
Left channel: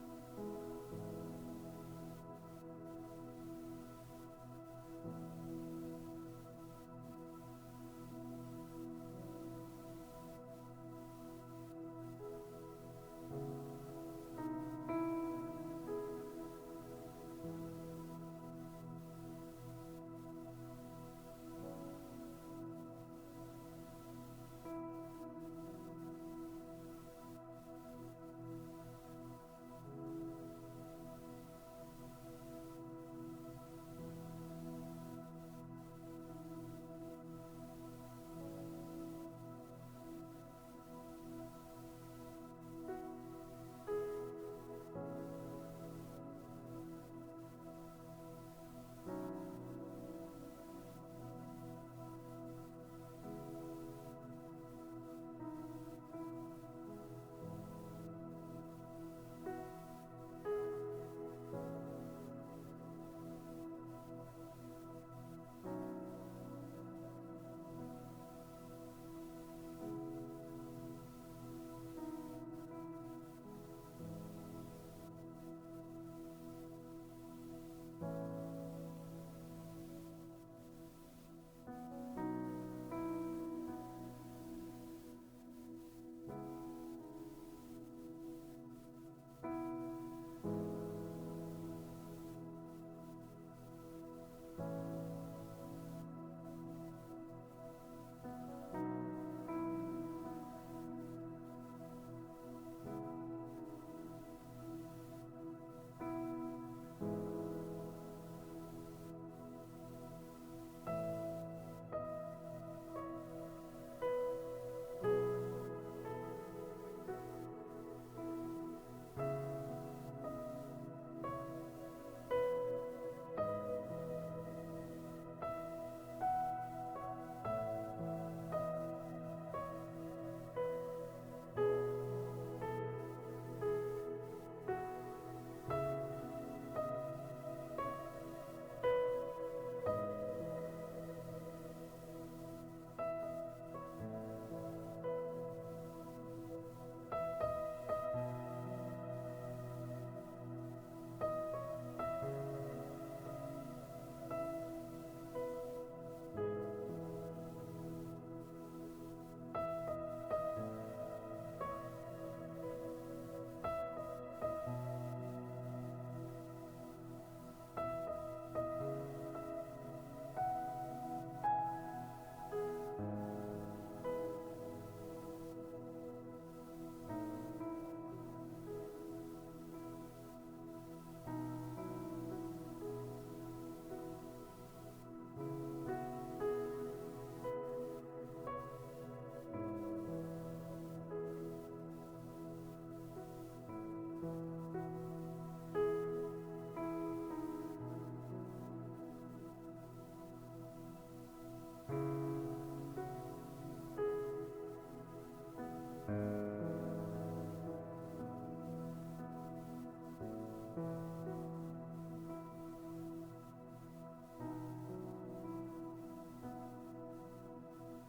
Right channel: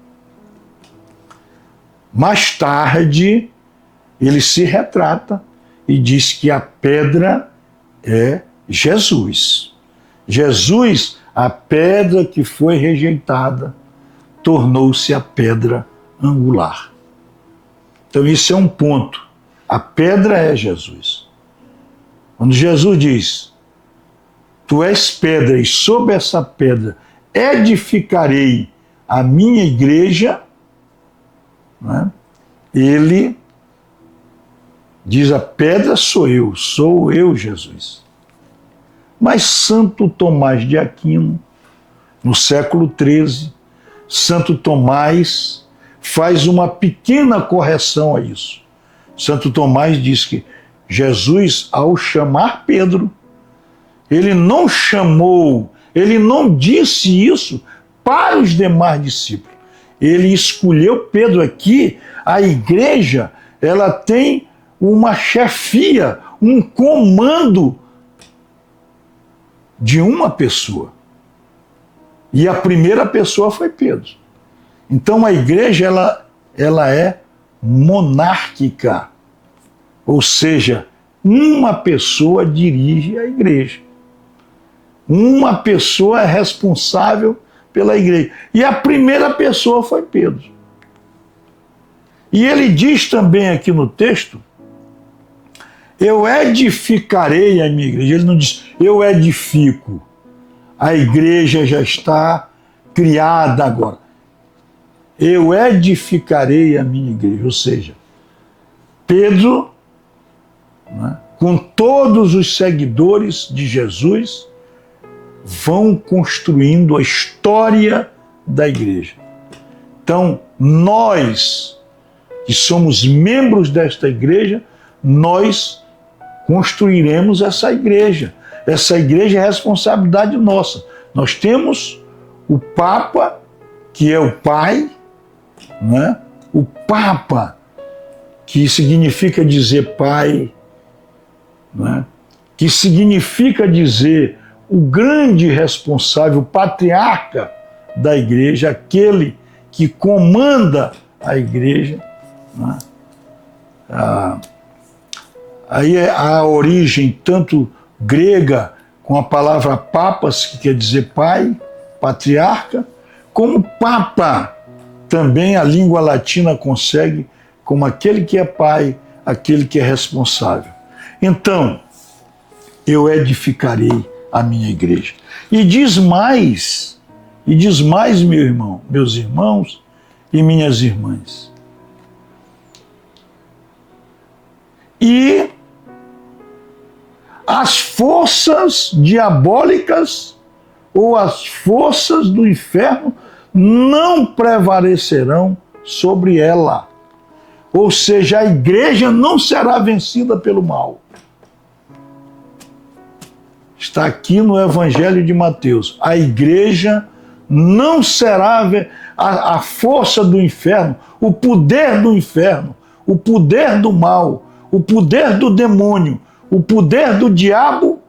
Mais tarde, ele se retrata e diz que a pedra é Jesus. Jesus, a pedra que foi rejeitada, tornou-se a pedra angular. Então, isso é um ponto. A pedra é Jesus. Quando Jesus diz: Tu és pedra, e sobre essa pedra edificarei a minha igreja, né? Ele diz: a pedra sou eu, Jesus. Mas Santo Tomás de Aquino, no século XIII, Santo Tomás faz uma pequena correção a isso. Santo Tomás diz que Jesus, ao chamar Pedro, ele não chamou, ele não disse isso para os demais discípulos. Ele escolheu Pedro. Aqui, a igreja, ela tem uma chefia, um comando de uma pessoa. E a primeira pessoa foi Pedro. Então a igreja, ela é monárquica. Ou seja, uma pessoa dirige a igreja. Uma pessoa é responsável pela igreja. E a primeira pessoa foi Pedro. E ele diz também aqui no texto: eu edificarei a minha igreja. Ele não diz, eu edifico. A igreja já está criada agora. Eu edificarei a minha igreja. Ou seja, Pedro, né, com todos os seguidores de Jesus, vão construindo a história da igreja. Então, nós que somos membros desta igreja, nós construiremos essa igreja. Essa igreja é responsabilidade nossa. Nós temos o Papa, que é o Pai, né? O Papa, que significa dizer Pai, né? Que significa dizer o grande responsável, o patriarca da igreja, aquele que comanda a igreja. Né? Aí a origem tanto grega, com a palavra papas, que quer dizer pai, patriarca, como papa, também a língua latina consegue, como aquele que é pai, aquele que é responsável. Então, eu edificarei a minha igreja. E diz mais, meu irmão, meus irmãos e minhas irmãs. E as forças diabólicas ou as forças do inferno não prevalecerão sobre ela. Ou seja, a igreja não será vencida pelo mal. Está aqui no Evangelho de Mateus. A igreja não será a força do inferno, o poder do inferno, o poder do mal, o poder do demônio, o poder do diabo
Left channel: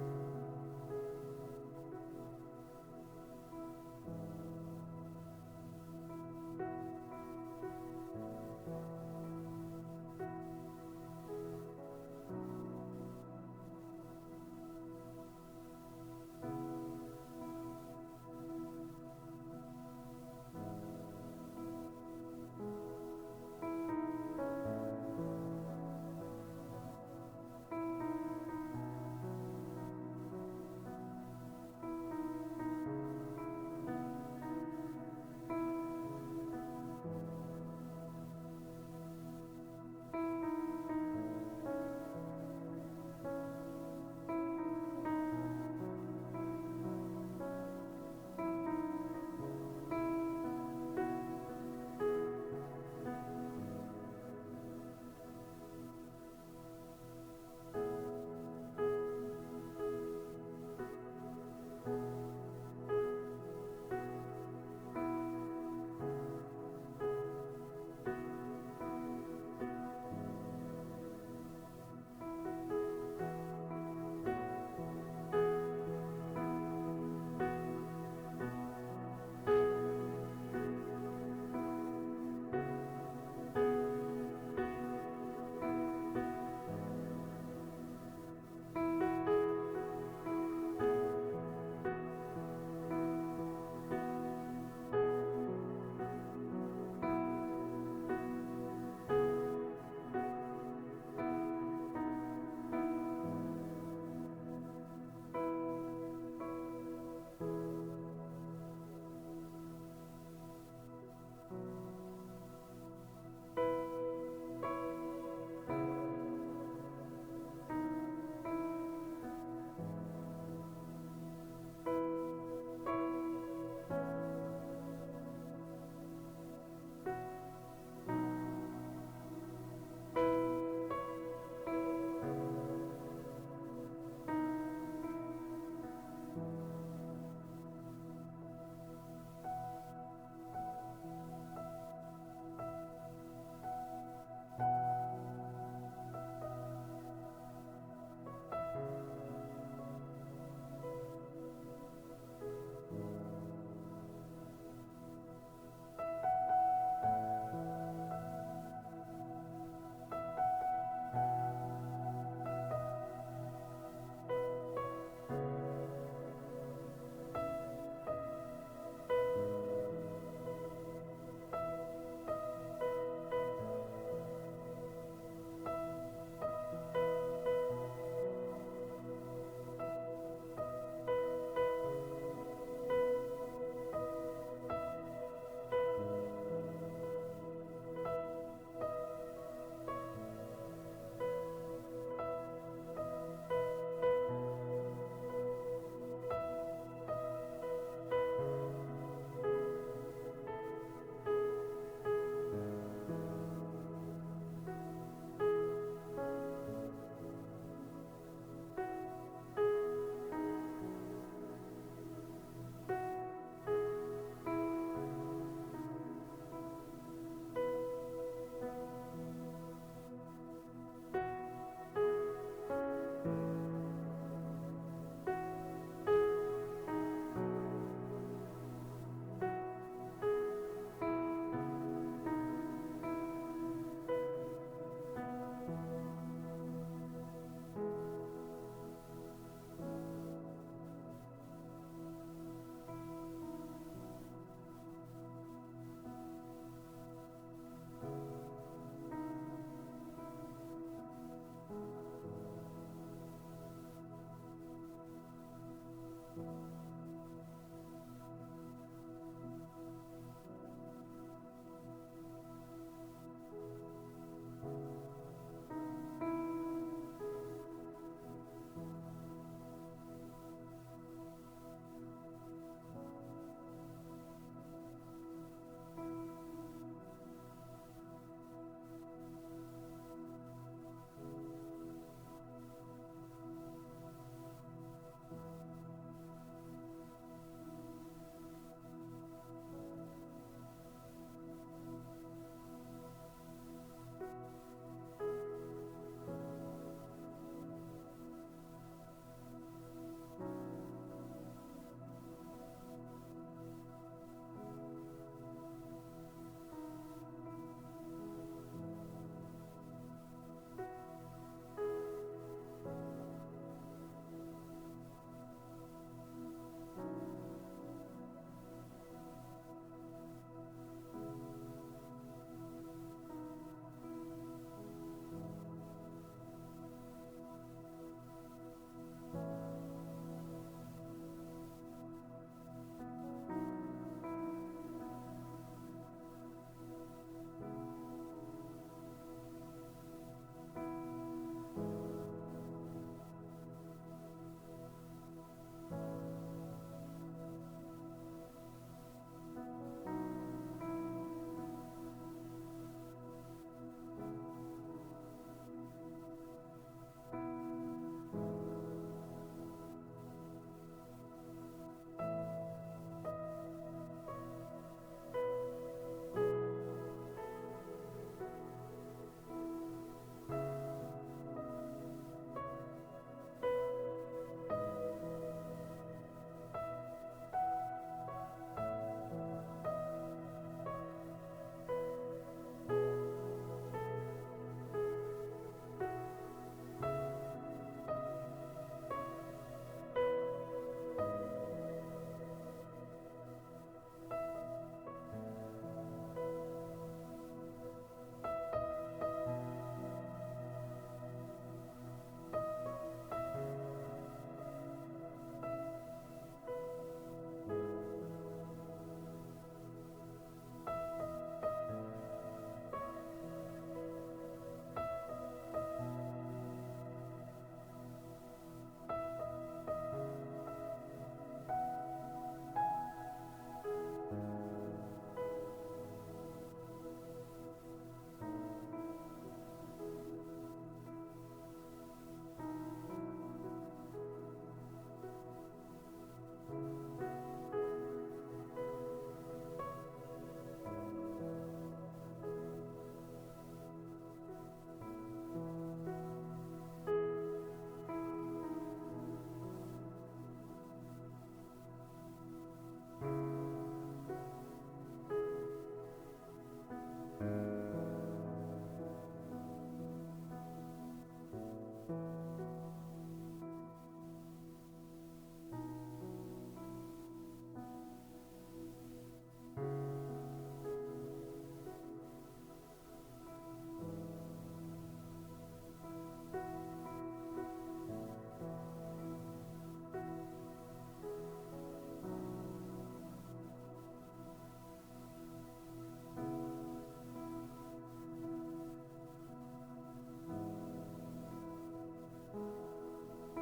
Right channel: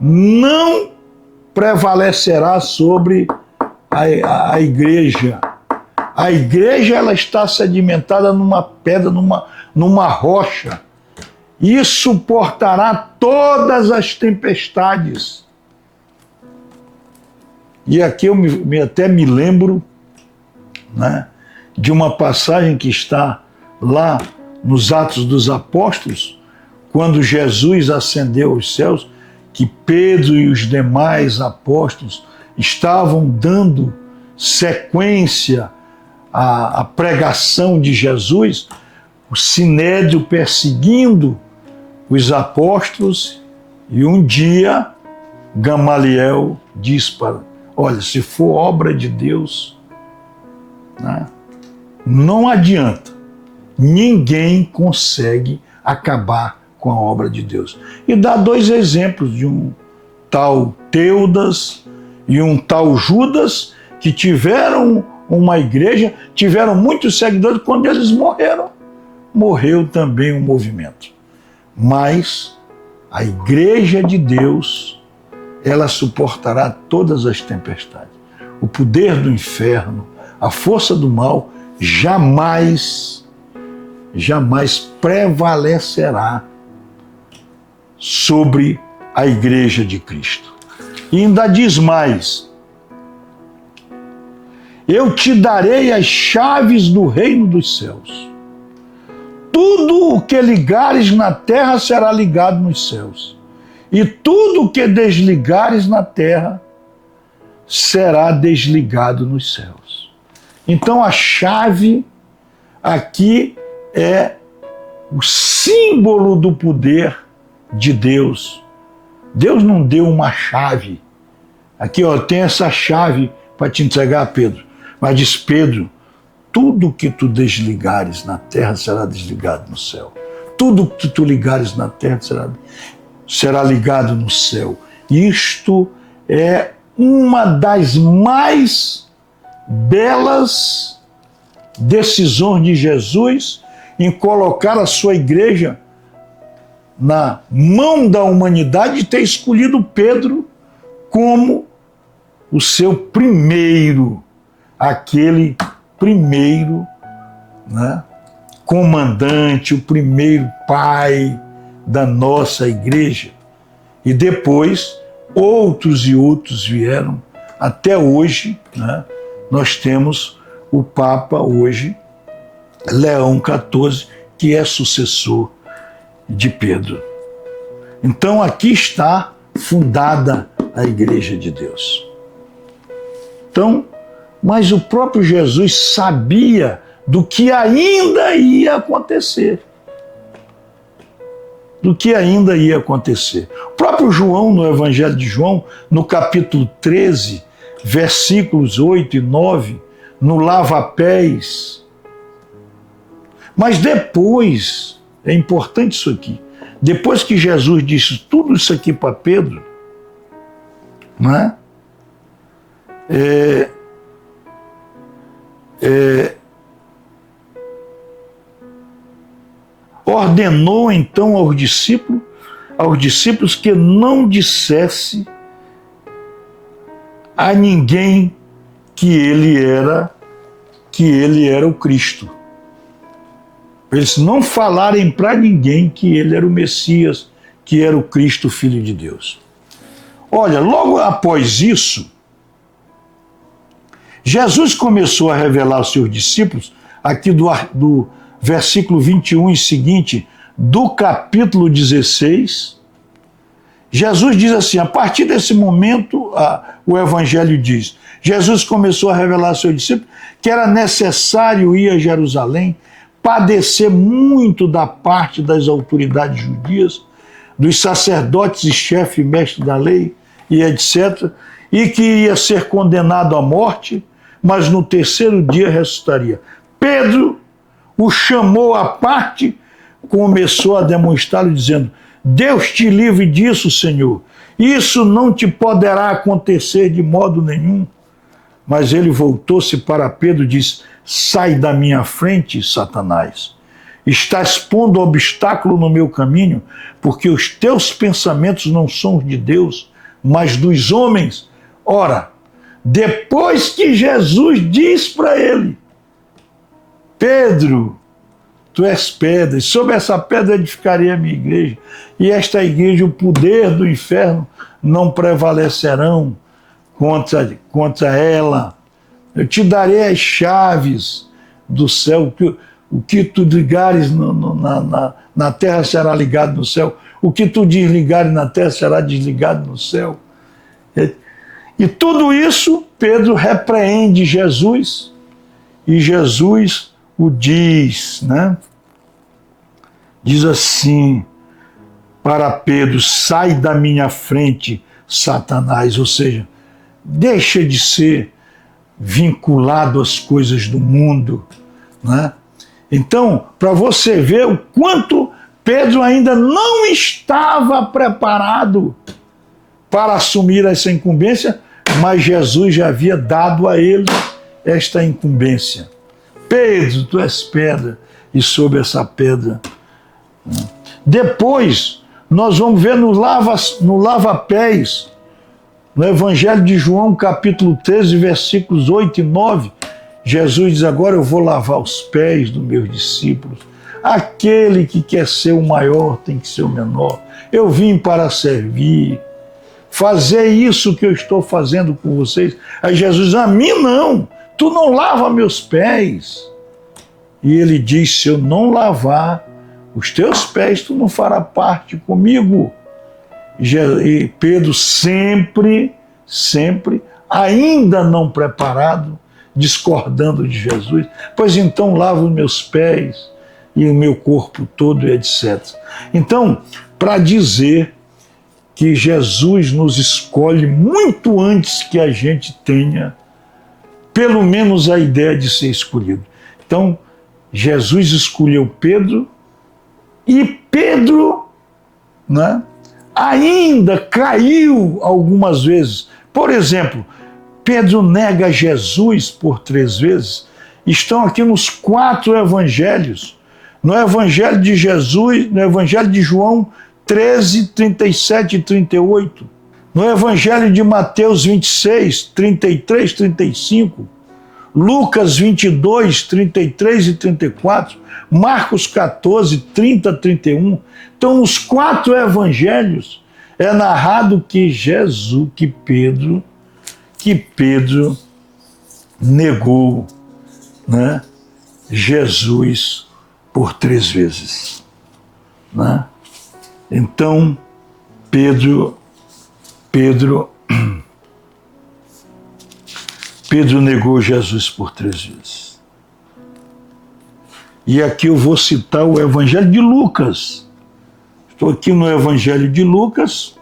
não prevalecerá sobre a igreja. A igreja, ela está sedimentada numa pedra, numa rocha, e suportará todas as tempestades. E aqui eu até me lembro, né, de uma passagem que está lá nos Atos dos Apóstolos, quando Jesus ascendeu aos céus, que Pedro e os demais apóstolos estavam dando sequência à pregação de Jesus, o sinédrio perseguindo os apóstolos, e um dia Gamaliel diz para, olha, se for obra de Deus, né, não adianta, ninguém consegue acabar com a obra de Deus. E dá dois exemplos de um tal Teudas e um tal Judas, que tiveram uma igreja, tiveram muitos seguidores, quando eles morreram, morreu também o movimento. Mas a igreja de Deus, ela suportará todas as tempestades. O poder do inferno, a força do mal, jamais prevalecerá sobre a igreja de Cristo. E ainda diz mais: eu te darei as chaves do reino dos céus. Tudo o que ligares na terra será ligado nos céus, e tudo o que desligares na terra será desligado nos céus. Então a chave aqui é o símbolo do poder de Deus. Deus não deu uma chave. Aqui, ó, tem essa chave para te entregar, Pedro. Mas diz Pedro, tudo que tu desligares na terra será desligado no céu. Tudo que tu ligares na terra será ligado no céu. Isto é uma das mais belas decisões de Jesus em colocar a sua igreja na mão da humanidade e ter escolhido Pedro como o seu primeiro, aquele primeiro, né, comandante, o primeiro pai da nossa igreja. E depois outros e outros vieram. Até hoje, né, nós temos o Papa hoje, Leão XIV, que é sucessor de Pedro. Então aqui está fundada a igreja de Deus. Então, mas o próprio Jesus sabia do que ainda ia acontecer. Do que ainda ia acontecer. O próprio João, no Evangelho de João, no capítulo 13, versículos 8 e 9, no lava-pés. Mas depois, é importante isso aqui, depois que Jesus disse tudo isso aqui para Pedro, não é? Ordenou então aos discípulos que não dissesse a ninguém que ele era o Cristo. Eles não falarem para ninguém que ele era o Messias, que era o Cristo, Filho de Deus. Olha, logo após isso, Jesus começou a revelar aos seus discípulos, aqui do versículo 21 e seguinte, do capítulo 16, Jesus diz assim, a partir desse momento, o Evangelho diz, Jesus começou a revelar aos seus discípulos que era necessário ir a Jerusalém, padecer muito da parte das autoridades judias, dos sacerdotes e chefes e mestres da lei, e etc., e que ia ser condenado à morte, mas no terceiro dia ressuscitaria. Pedro o chamou à parte, começou a demonstrá-lo, dizendo, Deus te livre disso, Senhor, isso não te poderá acontecer de modo nenhum. Mas ele voltou-se para Pedro e disse, sai da minha frente, Satanás. Estás pondo obstáculo no meu caminho, porque os teus pensamentos não são os de Deus, mas dos homens. Ora, depois que Jesus diz para ele, Pedro, tu és pedra, e sobre essa pedra edificarei a minha igreja, e esta igreja, o poder do inferno, não prevalecerão contra ela. Eu te darei as chaves do céu, o que tu ligares na terra será ligado no céu, o que tu desligares na terra será desligado no céu. E tudo isso, Pedro repreende Jesus, e Jesus o diz, né? Diz assim para Pedro, sai da minha frente, Satanás, ou seja, deixa de ser vinculado às coisas do mundo, né? Então, para você ver o quanto Pedro ainda não estava preparado para assumir essa incumbência, mas Jesus já havia dado a ele esta incumbência. Pedro, tu és pedra, e sobre essa pedra. Depois, nós vamos ver no lava-pés, no Evangelho de João, capítulo 13, versículos 8 e 9, Jesus diz, agora eu vou lavar os pés dos meus discípulos. Aquele que quer ser o maior tem que ser o menor. Eu vim para servir. Fazer isso que eu estou fazendo com vocês. Aí Jesus diz, a mim não, tu não lava meus pés. E ele diz, se eu não lavar os teus pés, tu não fará parte comigo. E Pedro sempre, ainda não preparado, discordando de Jesus, pois então lavo os meus pés e o meu corpo todo, etc. Então, para dizer que Jesus nos escolhe muito antes que a gente tenha pelo menos a ideia de ser escolhido. Então, Jesus escolheu Pedro e Pedro, né, ainda caiu algumas vezes. Por exemplo, Pedro nega Jesus por 3 vezes. Estão aqui nos 4 evangelhos. No Evangelho de Jesus, no Evangelho de João 13, 37 e 38. No Evangelho de Mateus 26, 33, 35. Lucas 22, 33 e 34. Marcos 14, 30 a 31. Então, nos 4 evangelhos é narrado que Pedro negou, né, Jesus por 3 vezes. Né? Então, Pedro negou Jesus por 3 vezes. E aqui eu vou citar o Evangelho de Lucas. Estou aqui no Evangelho de Lucas,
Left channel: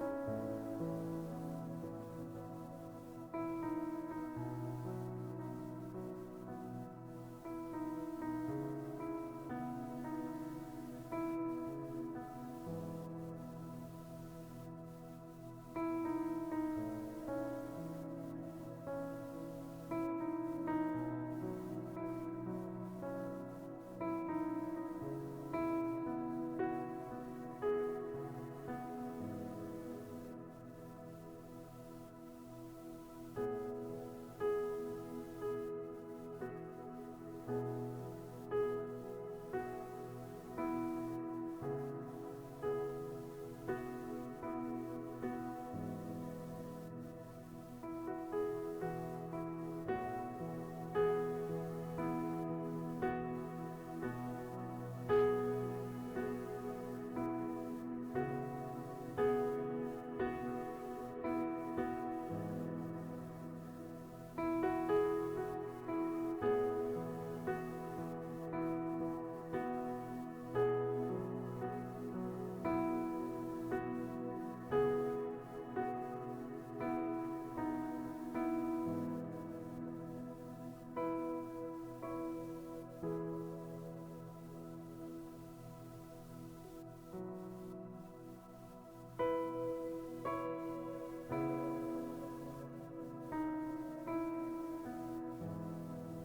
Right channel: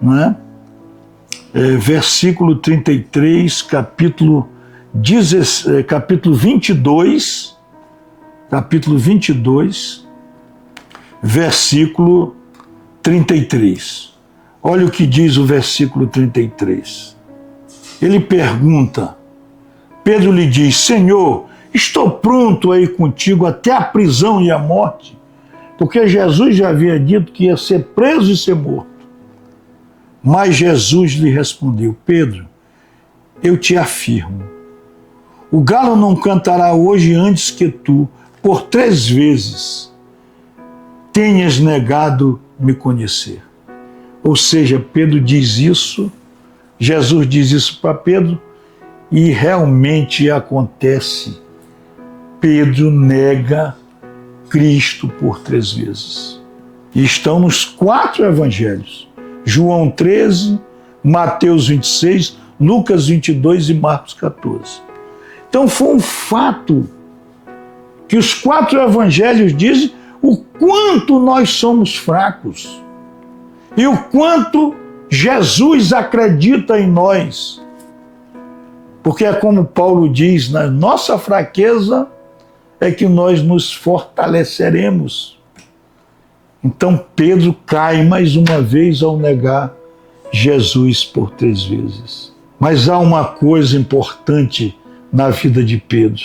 né? Versículo 33, capítulo 22, versículo 33. Olha o que diz o versículo 33. Ele pergunta, Pedro lhe diz, Senhor, estou pronto a ir contigo até a prisão e a morte, porque Jesus já havia dito que ia ser preso e ser morto. Mas Jesus lhe respondeu, Pedro, eu te afirmo, o galo não cantará hoje antes que tu, por 3 vezes, tenhas negado me conhecer. Ou seja, Pedro diz isso, Jesus diz isso para Pedro, e realmente acontece. Pedro nega Cristo por 3 vezes. E estão nos 4 evangelhos. João 13, Mateus 26, Lucas 22 e Marcos 14. Então foi um fato que os 4 evangelhos dizem o quanto nós somos fracos e o quanto Jesus acredita em nós. Porque é como Paulo diz, na nossa fraqueza é que nós nos fortaleceremos. Então Pedro cai mais uma vez ao negar Jesus por 3 vezes. Mas há uma coisa importante na vida de Pedro.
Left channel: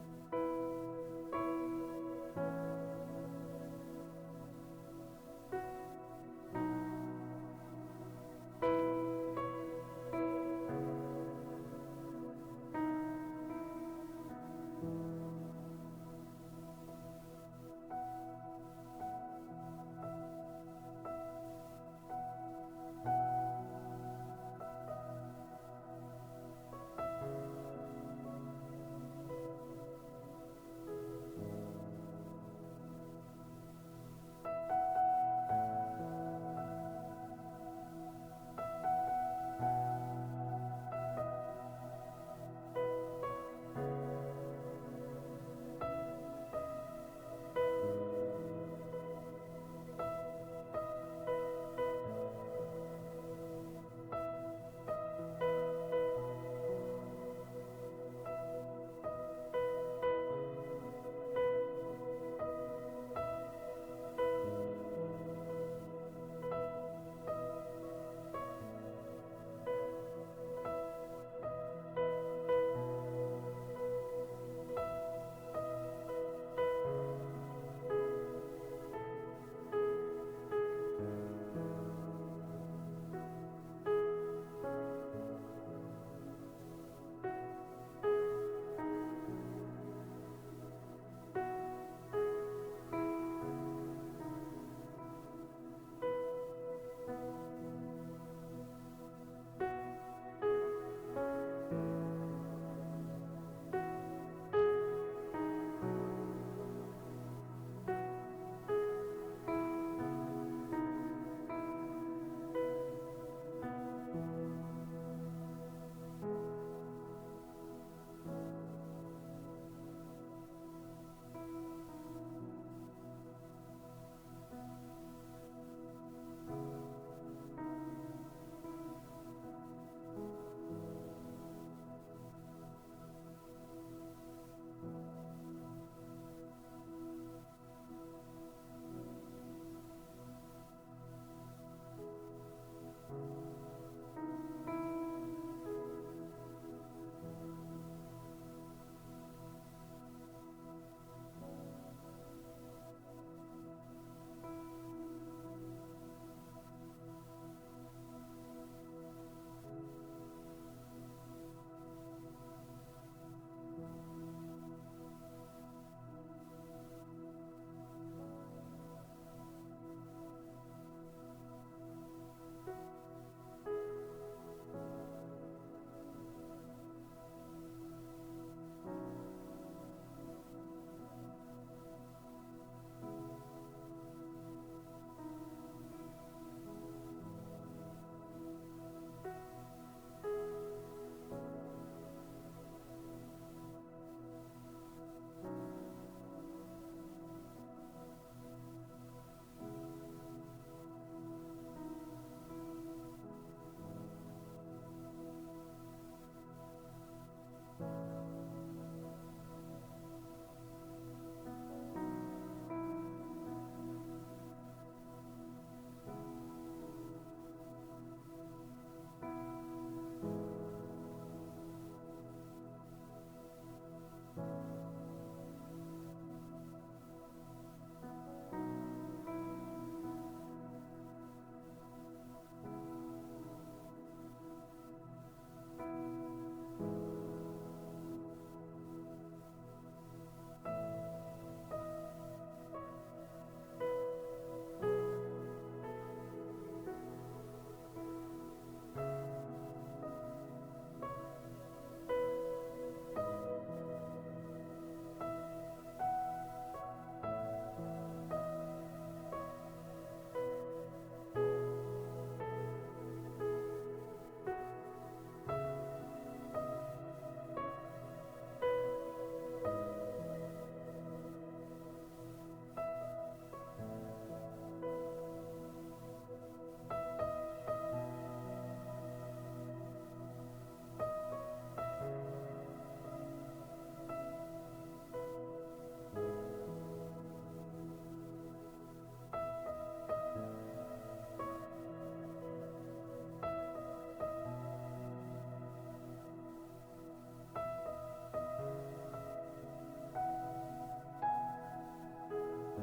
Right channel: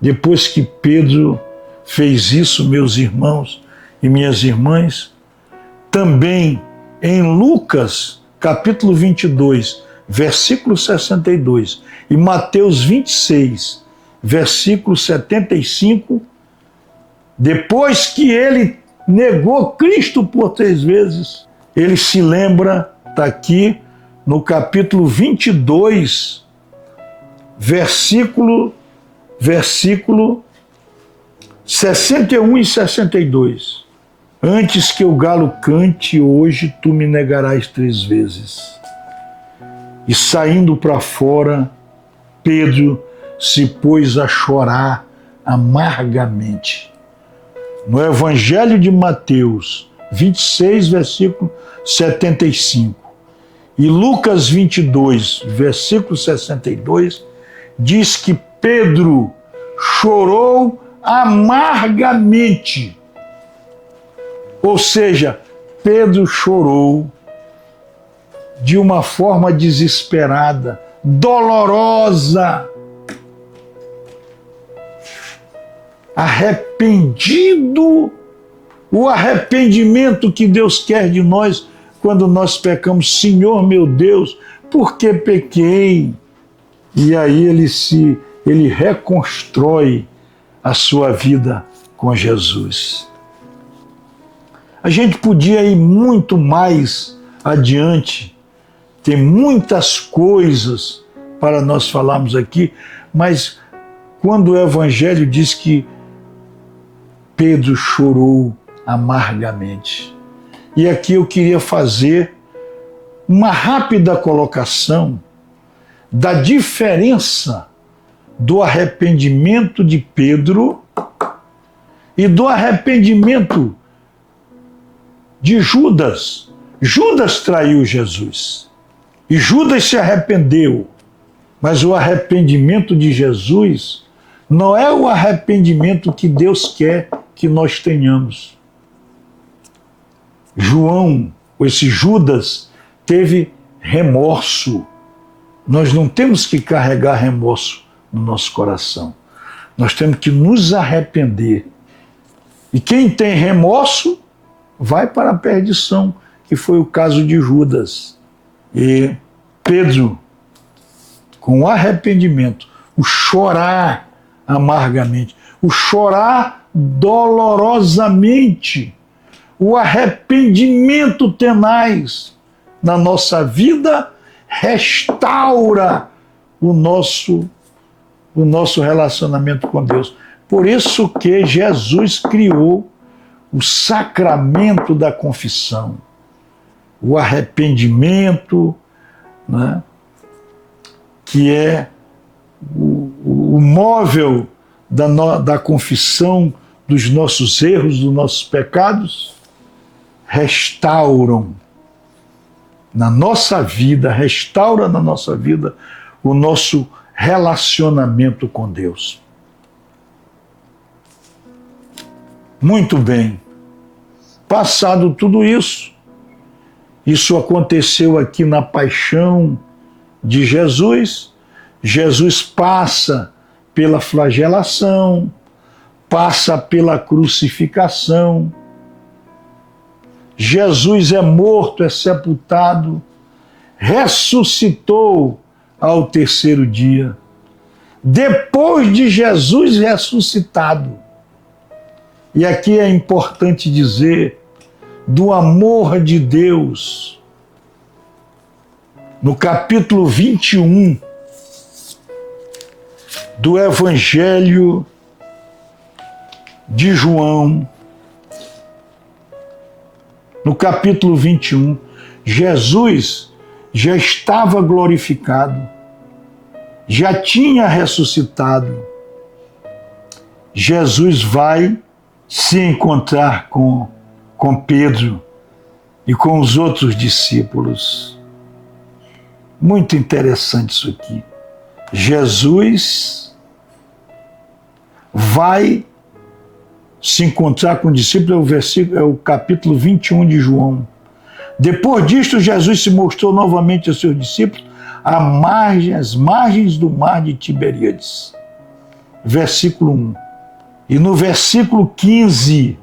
Depois que Pedro fez isso, meus irmãos e minhas irmãs, também em Lucas, capítulo 22, versículo 62, e Mateus 26, versículo 75, depois que ele negou Cristo por 3 vezes, ele se lembra, está aqui no capítulo 22, versículo 61 e 62. Antes que o galo cante, hoje tu me negarás 3 vezes. E saindo para fora, Pedro se pôs a chorar amargamente. No Evangelho de Mateus 26, versículo 75, e Lucas 22, versículo 62, diz que Pedro chorou amargamente. Ou seja, Pedro chorou de uma forma desesperada, dolorosa, arrependido, o arrependimento que Deus quer de nós quando nós pecamos. Senhor meu Deus, por que pequei? E aí ele reconstrói a sua vida com Jesus. A gente podia ir muito mais adiante, tem muitas coisas para nós falarmos aqui, mas quando o Evangelho diz que Pedro chorou amargamente. E aqui eu queria fazer uma rápida colocação da diferença do arrependimento de Pedro e do arrependimento de Judas. Judas traiu Jesus e Judas se arrependeu, mas o arrependimento de Jesus não é o arrependimento que Deus quer que nós tenhamos. Esse Judas, teve remorso. Nós não temos que carregar remorso no nosso coração. Nós temos que nos arrepender. E quem tem remorso vai para a perdição, que foi o caso de Judas. E Pedro, com arrependimento, o chorar amargamente, o chorar dolorosamente, o arrependimento tenaz na nossa vida restaura o nosso relacionamento com Deus. Por isso que Jesus criou o sacramento da confissão. o arrependimento, né? Que é o móvel da confissão dos nossos erros, dos nossos pecados, restauram na nossa vida, restaura na nossa vida o nosso relacionamento com Deus. Muito bem. Passado tudo isso, isso aconteceu aqui na paixão de Jesus. Jesus passa pela flagelação, passa pela crucificação. Jesus é morto, é sepultado, ressuscitou ao terceiro dia. Depois de Jesus ressuscitado, e aqui é importante dizer do amor de Deus, no capítulo 21 do Evangelho de João, no capítulo 21, Jesus já estava glorificado, já tinha ressuscitado. Jesus vai se encontrar com Pedro e com os outros discípulos. Muito interessante isso aqui. Jesus vai se encontrar com o discípulo, é o capítulo 21 de João. Depois disto, Jesus se mostrou novamente aos seus discípulos às margens do mar de Tiberíades. Versículo 1. E no versículo 15,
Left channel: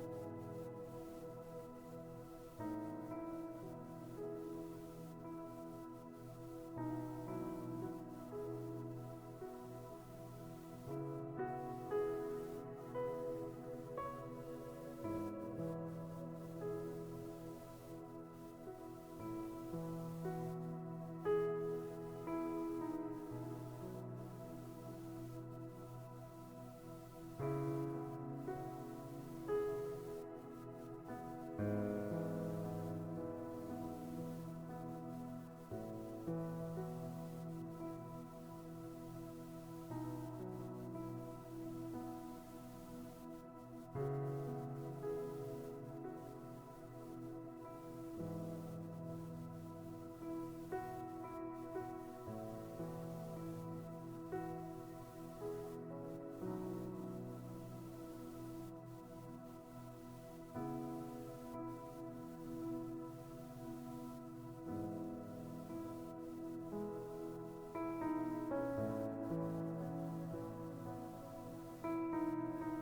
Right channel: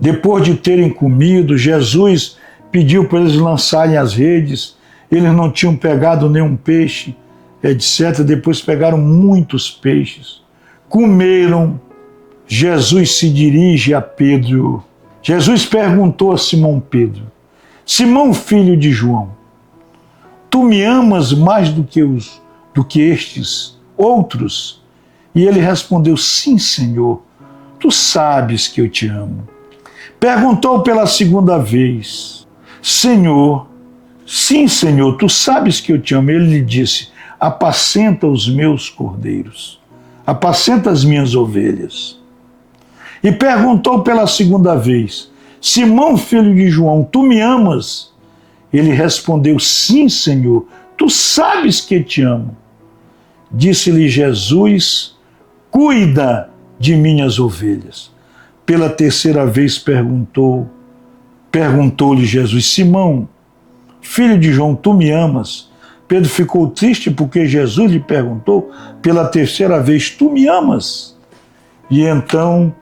depois de terem comido, Jesus pediu para eles lançarem as redes. Eles não tinham pegado nenhum peixe, etc. Depois pegaram muitos peixes. Comeram. Jesus se dirige a Pedro. Jesus perguntou a Simão Pedro: Simão, filho de João, tu me amas mais do que estes outros? E ele respondeu: sim, Senhor, tu sabes que eu te amo. Perguntou pela segunda vez: Senhor, sim, Senhor, tu sabes que eu te amo. Ele lhe disse: apacenta os meus cordeiros, apacenta as minhas ovelhas. E perguntou pela segunda vez: Simão, filho de João, tu me amas? Ele respondeu: sim, Senhor, tu sabes que te amo. Disse-lhe Jesus: cuida de minhas ovelhas. Pela terceira vez perguntou-lhe Jesus: Simão, filho de João, tu me amas? Pedro ficou triste porque Jesus lhe perguntou pela terceira vez: tu me amas? E então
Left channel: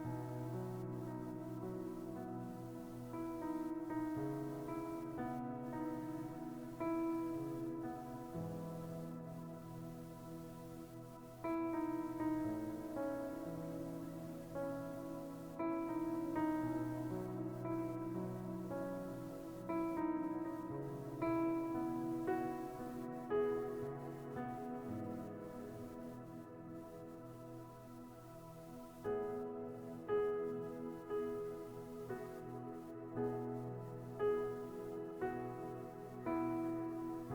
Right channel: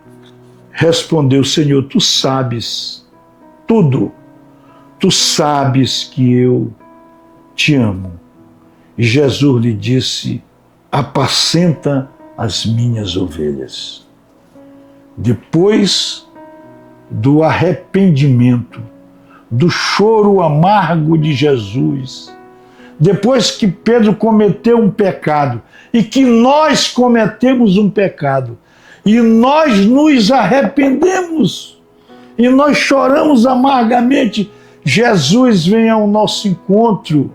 respondeu: Senhor, tu sabes tudo, tu sabes que eu te amo. E Jesus lhe disse: apacenta as minhas ovelhas. Depois do arrependimento, do choro amargo de Jesus, depois que Pedro cometeu um pecado e que nós cometemos um pecado, e nós nos arrependemos, e nós choramos amargamente, Jesus vem ao nosso encontro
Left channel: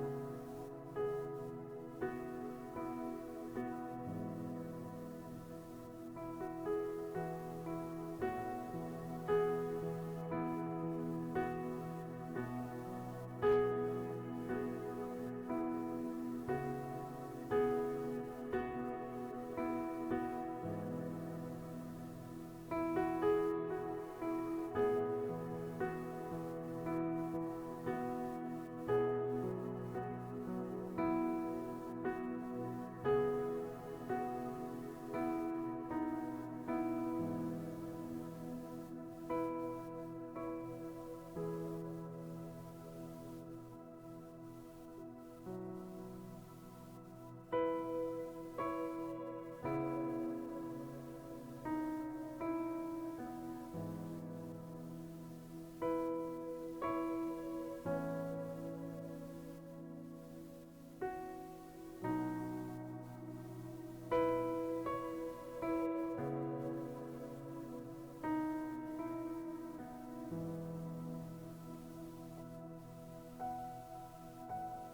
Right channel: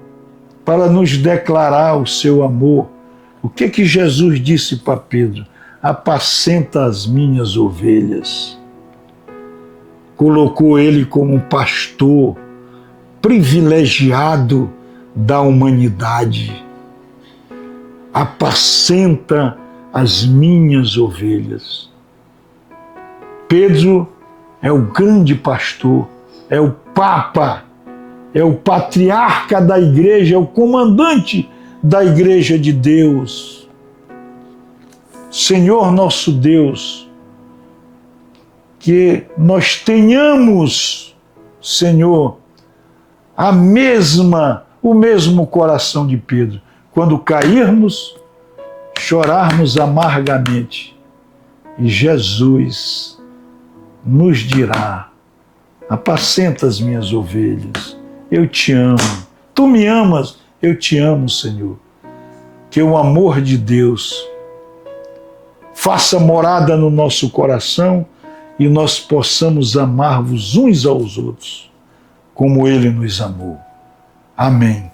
para nos declarar o seu amor. O que Jesus disse para Pedro? Apacenta as minhas ovelhas. Colocou ele como um pastor privilegiado da humanidade. Apacenta as minhas ovelhas. Pedro é o grande pastor, é o Papa, é o patriarca da igreja, é o comandante da igreja de Deus. Senhor nosso Deus, que nós tenhamos, Senhor, o mesmo coração de Pedro. Quando cairmos, chorarmos amargamente, e Jesus nos dirá: apacenta as minhas ovelhas, eu te amo. Tu me amas, eu te amo, Senhor. Que o amor de Deus faça morada no nosso coração e nós possamos amar-vos uns aos outros, como ele nos amou. Amém.